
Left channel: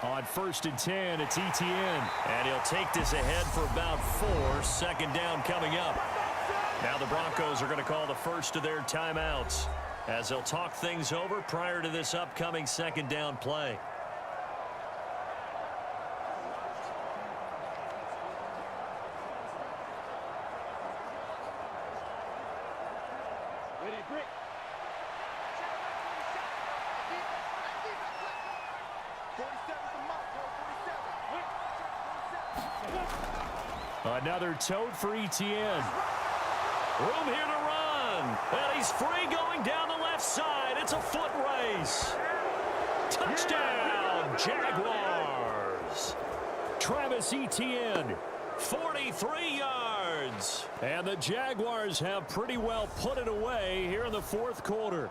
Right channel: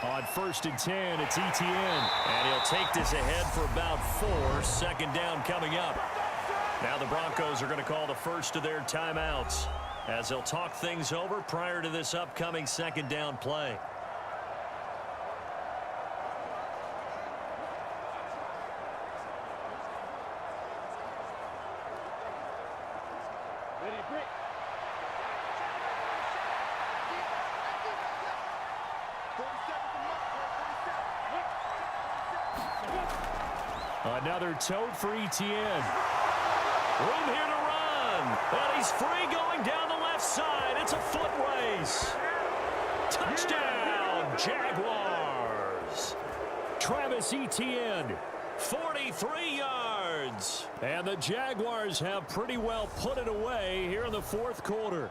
On 1st and 10, it's ETN. And he'll take this ahead for about 4. Second down coming up. Now the Broncos are going to call the first of their timeouts as they'll talk things over prior to this upcoming second down play. Another tote for Etienne. Room here to run. And he's free going down the left side. It's a foot race. Touchdown, Jaguars. Travis Etienne, 43 yards. And the Jaguars have pretty well put it away here in the fourth quarter.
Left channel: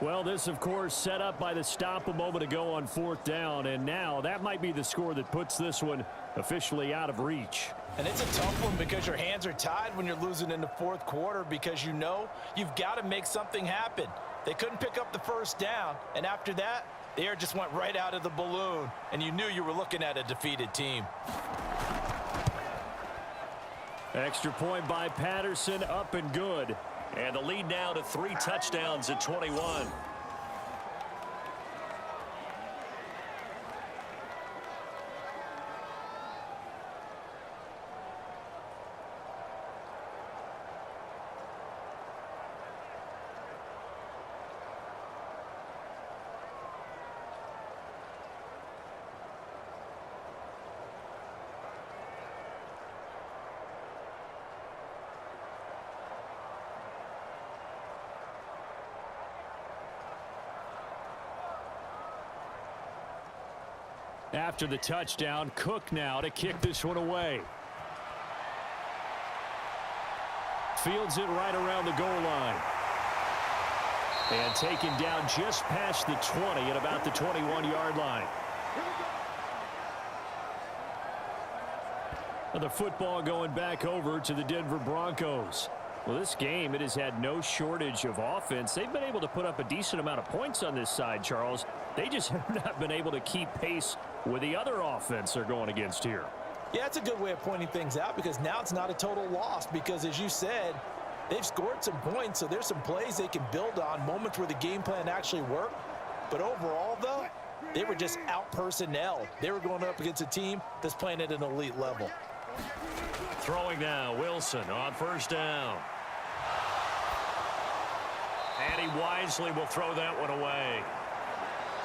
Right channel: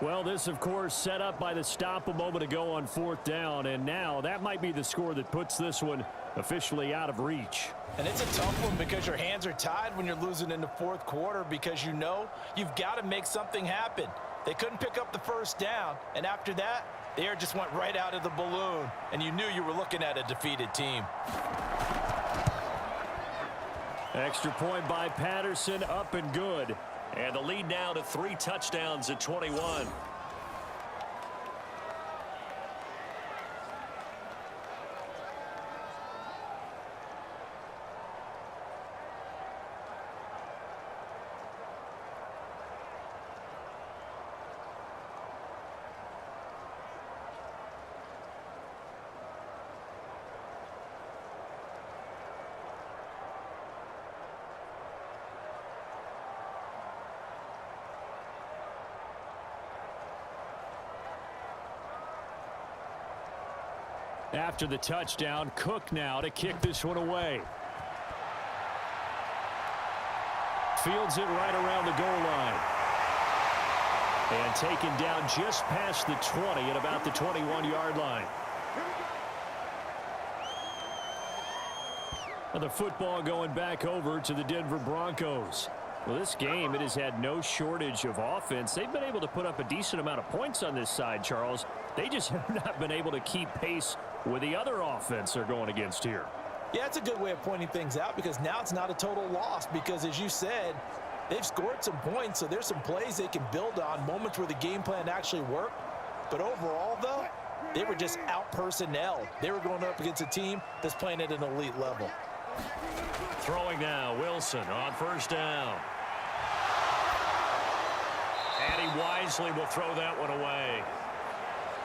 Well, this, of course, set up by the stop a moment ago on fourth down, and now that might be the score that puts this one officially out of reach. And it's a tough one because your hands are tied when you're losing in the fourth quarter because you know you've got to make something happen. They couldn't pick up the first down, and after that, the air just went right out of the balloon, and you knew you were looking at a defeated team. Extra point by Patterson, up and good. And the lead now to 3 touchdowns at 21. After the touchdown, Cook now to kick this one away. Fields it right around the goal line. And taken down just past the 20 at about the 21-yard line. And the football going back over to the Denver Broncos. Well, this game, it has had no shortage of offense. They've been able to put up a decent amount of points on this side, Charles. They just have not been able to keep pace with the other offense they're going against here. Yeah, it's a good way of pointing things out because now it's not a total loss because, as you said, they've scored some points, so there's some plays they can build on, moments where the game plan actually worked. But overall, though, they were just out-personnelled. They were going up against a team that's playing at an elite level. Throwing now, Wilson on first down. And he wisely will throw that one away.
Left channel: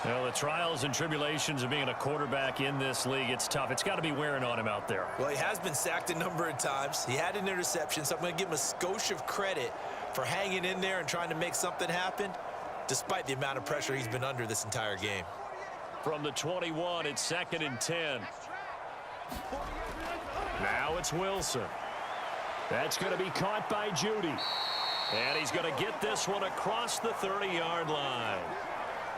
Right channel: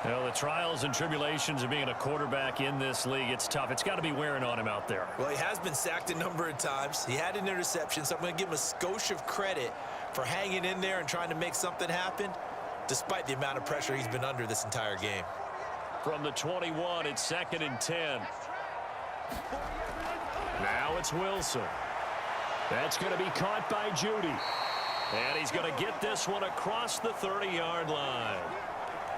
Well, the trials and tribulations of being a quarterback in this league, it's tough. It's got to be wearing on him out there. Well, he has been sacked a number of times. He had an interception, so I'm going to give him a skosh of credit for hanging in there and trying to make something happen, despite the amount of pressure he's been under this entire game. From the 21, it's 2nd and 10. Now it's Wilson. That's going to be caught by Judy. And he's going to get this one across the 30-yard line.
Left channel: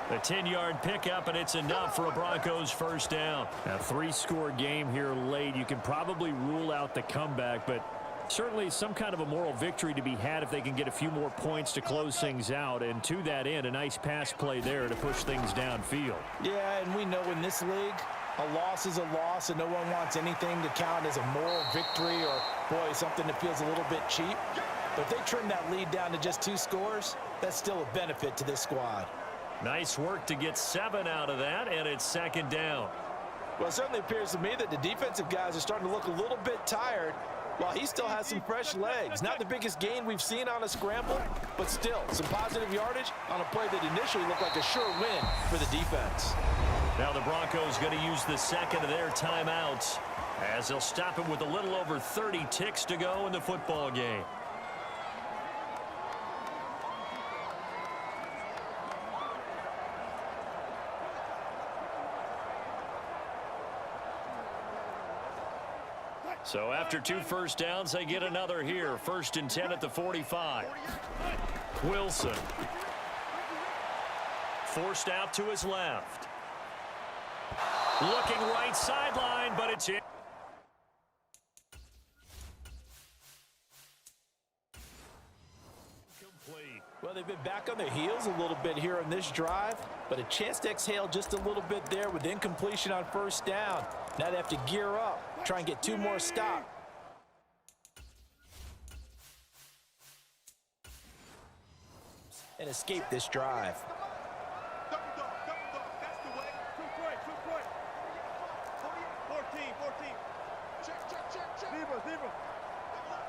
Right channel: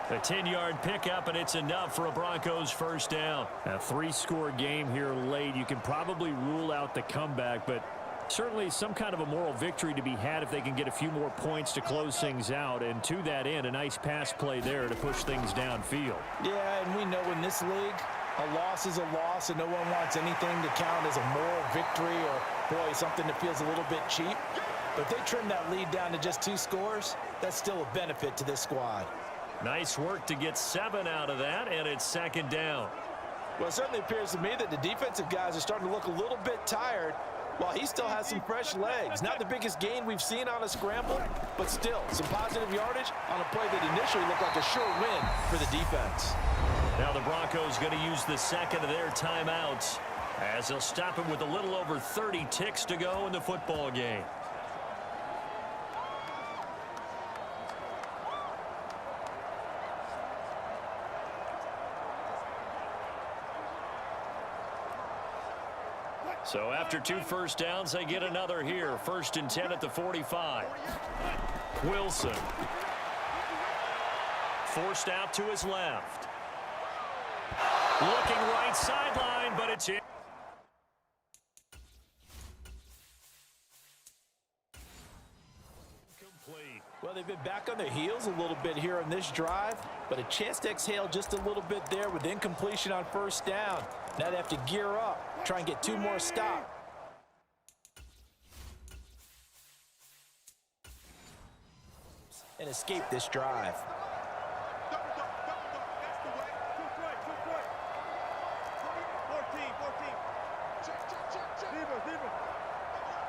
A 10-yard pickup, and it's enough for a Broncos first down. A 3-score game here late. You can probably rule out the comeback, but certainly some kind of a moral victory to be had if they can get a few more points to close things out. And to that end, a nice pass play there to push things downfield. Yeah, and we know in this league, a loss is a loss, and no one wants anything to count as a moral victory or, boy, something that feels a little bit cheap. But if they trim that lead down to just 2 scores, that's still a benefit to this squad. Nice work to get 7 out of that, and it's 2nd down. Well, it certainly appears to me that the defensive guys are starting to look a little bit tired while he still has some fresh legs. Not the biggest gain we've seen on a scramble, but still some positive yardage on a play that initially looked like a sure win for the defense. Now the Broncos going to use the second of their timeouts as they'll stop it with a little over 30 ticks to go in the football game. So after 2 first downs, they get another here. 1st and 10 at the 45. Wilson. Forced out to his left. Looking right sideline, but it's in. Complete. Well, they've been back on their heels a little bit here on this drive, but a chance to exhale just a little bit there with incompletion on first down. Now they have to gear up, try and get 2 more stops. And escape this drive. Double dog, that's the way. 14. Check. Zebra. Double up.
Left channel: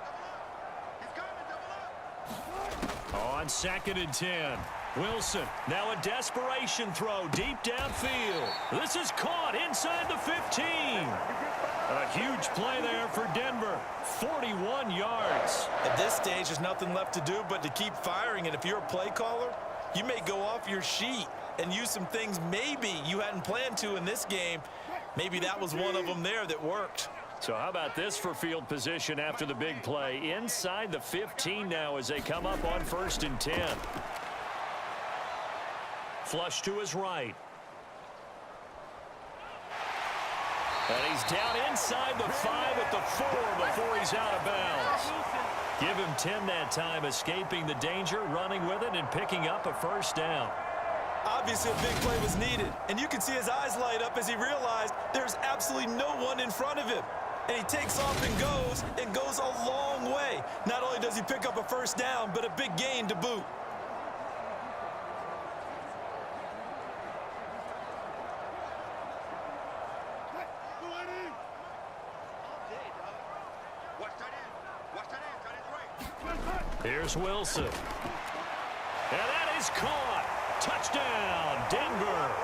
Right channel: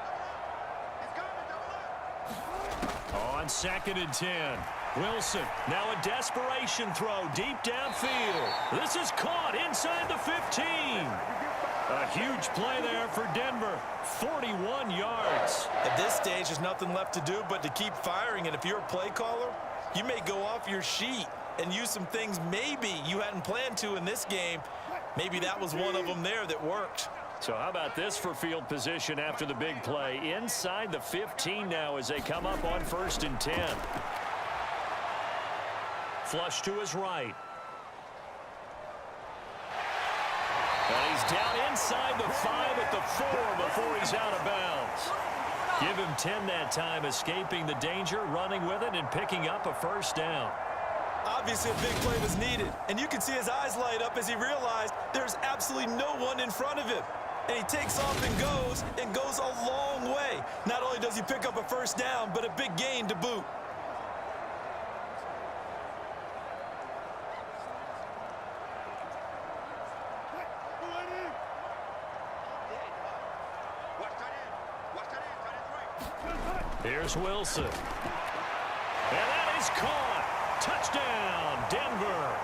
He's coming, double up. On 2nd and 10. Wilson, now a desperation throw deep downfield. This is caught inside the 15. A huge play there for Denver. 41 yards. At this stage, there's nothing left to do but to keep firing. And if you're a play caller, you may go off your sheet and use some things maybe you hadn't planned to in this game. Maybe that was one of them there that worked. So how about this for field position after the big play? Inside the 15 now as they come up on 1st and 10. Flush to his right. And he's down inside the 5 at the 4 before he's out of bounds. Give him 10 that time, escaping the danger, running with it, and picking up a 1st down. Obviously, a big play was needed, and you can see his eyes light up as he realized there's absolutely no one in front of him. And he takes off and goes a long way. Not only does he pick up a 1st down, but a big gain to boot. Here's Wilson. And that is caught. Touchdown, Denver.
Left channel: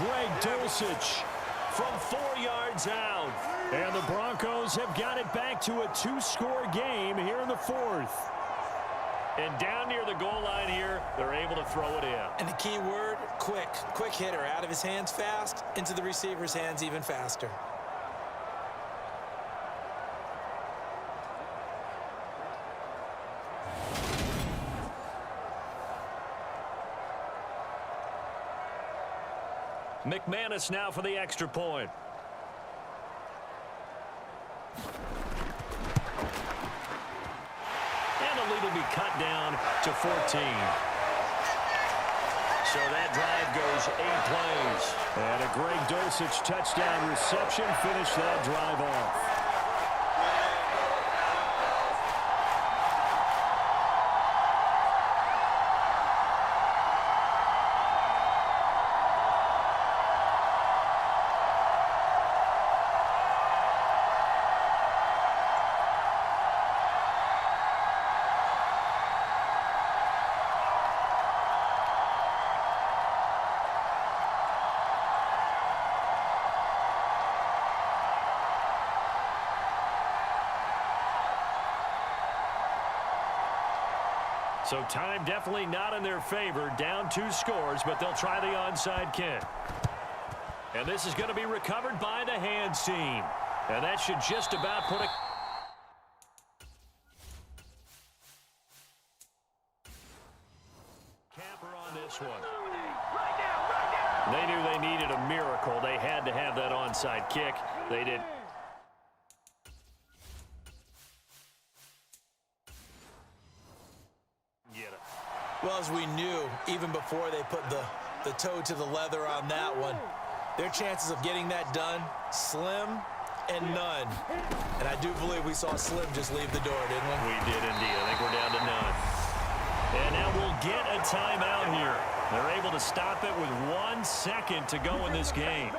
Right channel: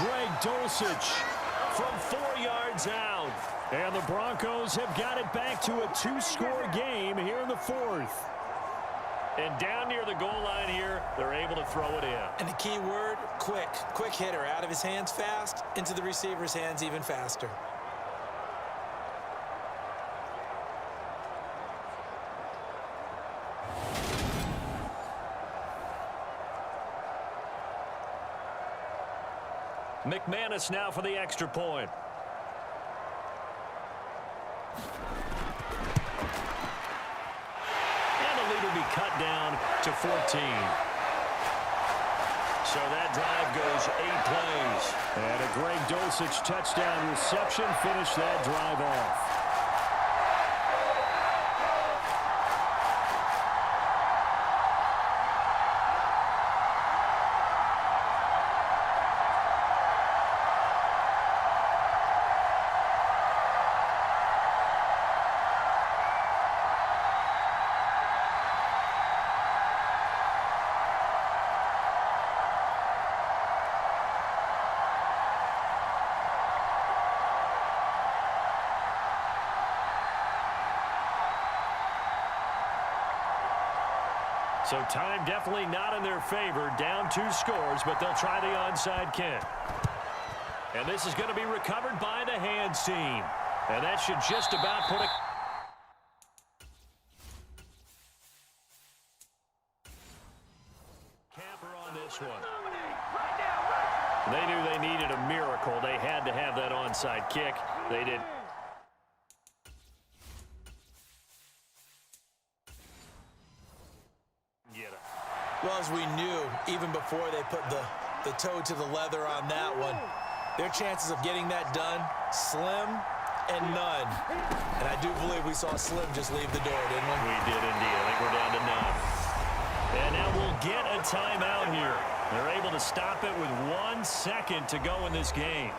Greg Dulcich from 4 yards out. And the Broncos have got it back to a 2-score game here in the 4th. And down near the goal line here, they're able to throw it in. And the key word, quick. Quick hitter. Out of his hands fast, into the receiver's hands even faster. McManus now for the extra point. And the lead will be cut down to 14. So that drive goes 8 plays. And a Greg Dulcich touchdown reception finished that drive off. So time definitely not in their favor. Down 2 scores, but they'll try the onside kick. And this is going to be recovered by the hands team. And that should just about put a... camper on this one. They knew they needed a miracle. They had to have that onside kick. They did. Well, as we knew, even before they put the toe to the leather on that one, their chances of getting that done, slim and none. And I do believe we saw Slim just leave the door, didn't we? We did indeed. I think we're down to none. And now we'll get a timeout here. They're able to stop it with 1 second to go in this game.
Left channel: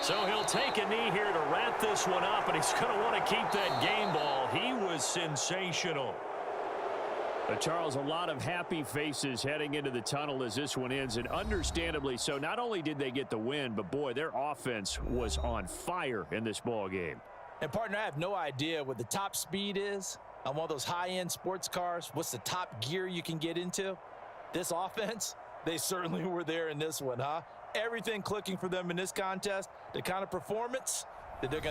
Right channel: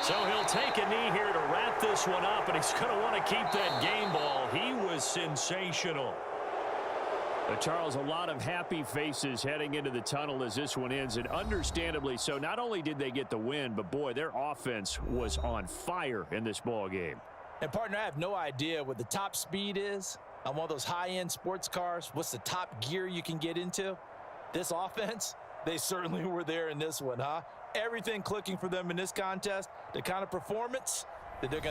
So he'll take a knee here to wrap this one up, and he's going to want to keep that game ball. He was sensational. Charles, a lot of happy faces heading into the tunnel as this one ends, and understandably so. Not only did they get the win, but, boy, their offense was on fire in this ball game. And, partner, I have no idea what the top speed is on one of those high-end sports cars. What's the top gear you can get into? This offense, they certainly were there in this one, huh? Everything clicking for them in this contest, the kind of performance that they're going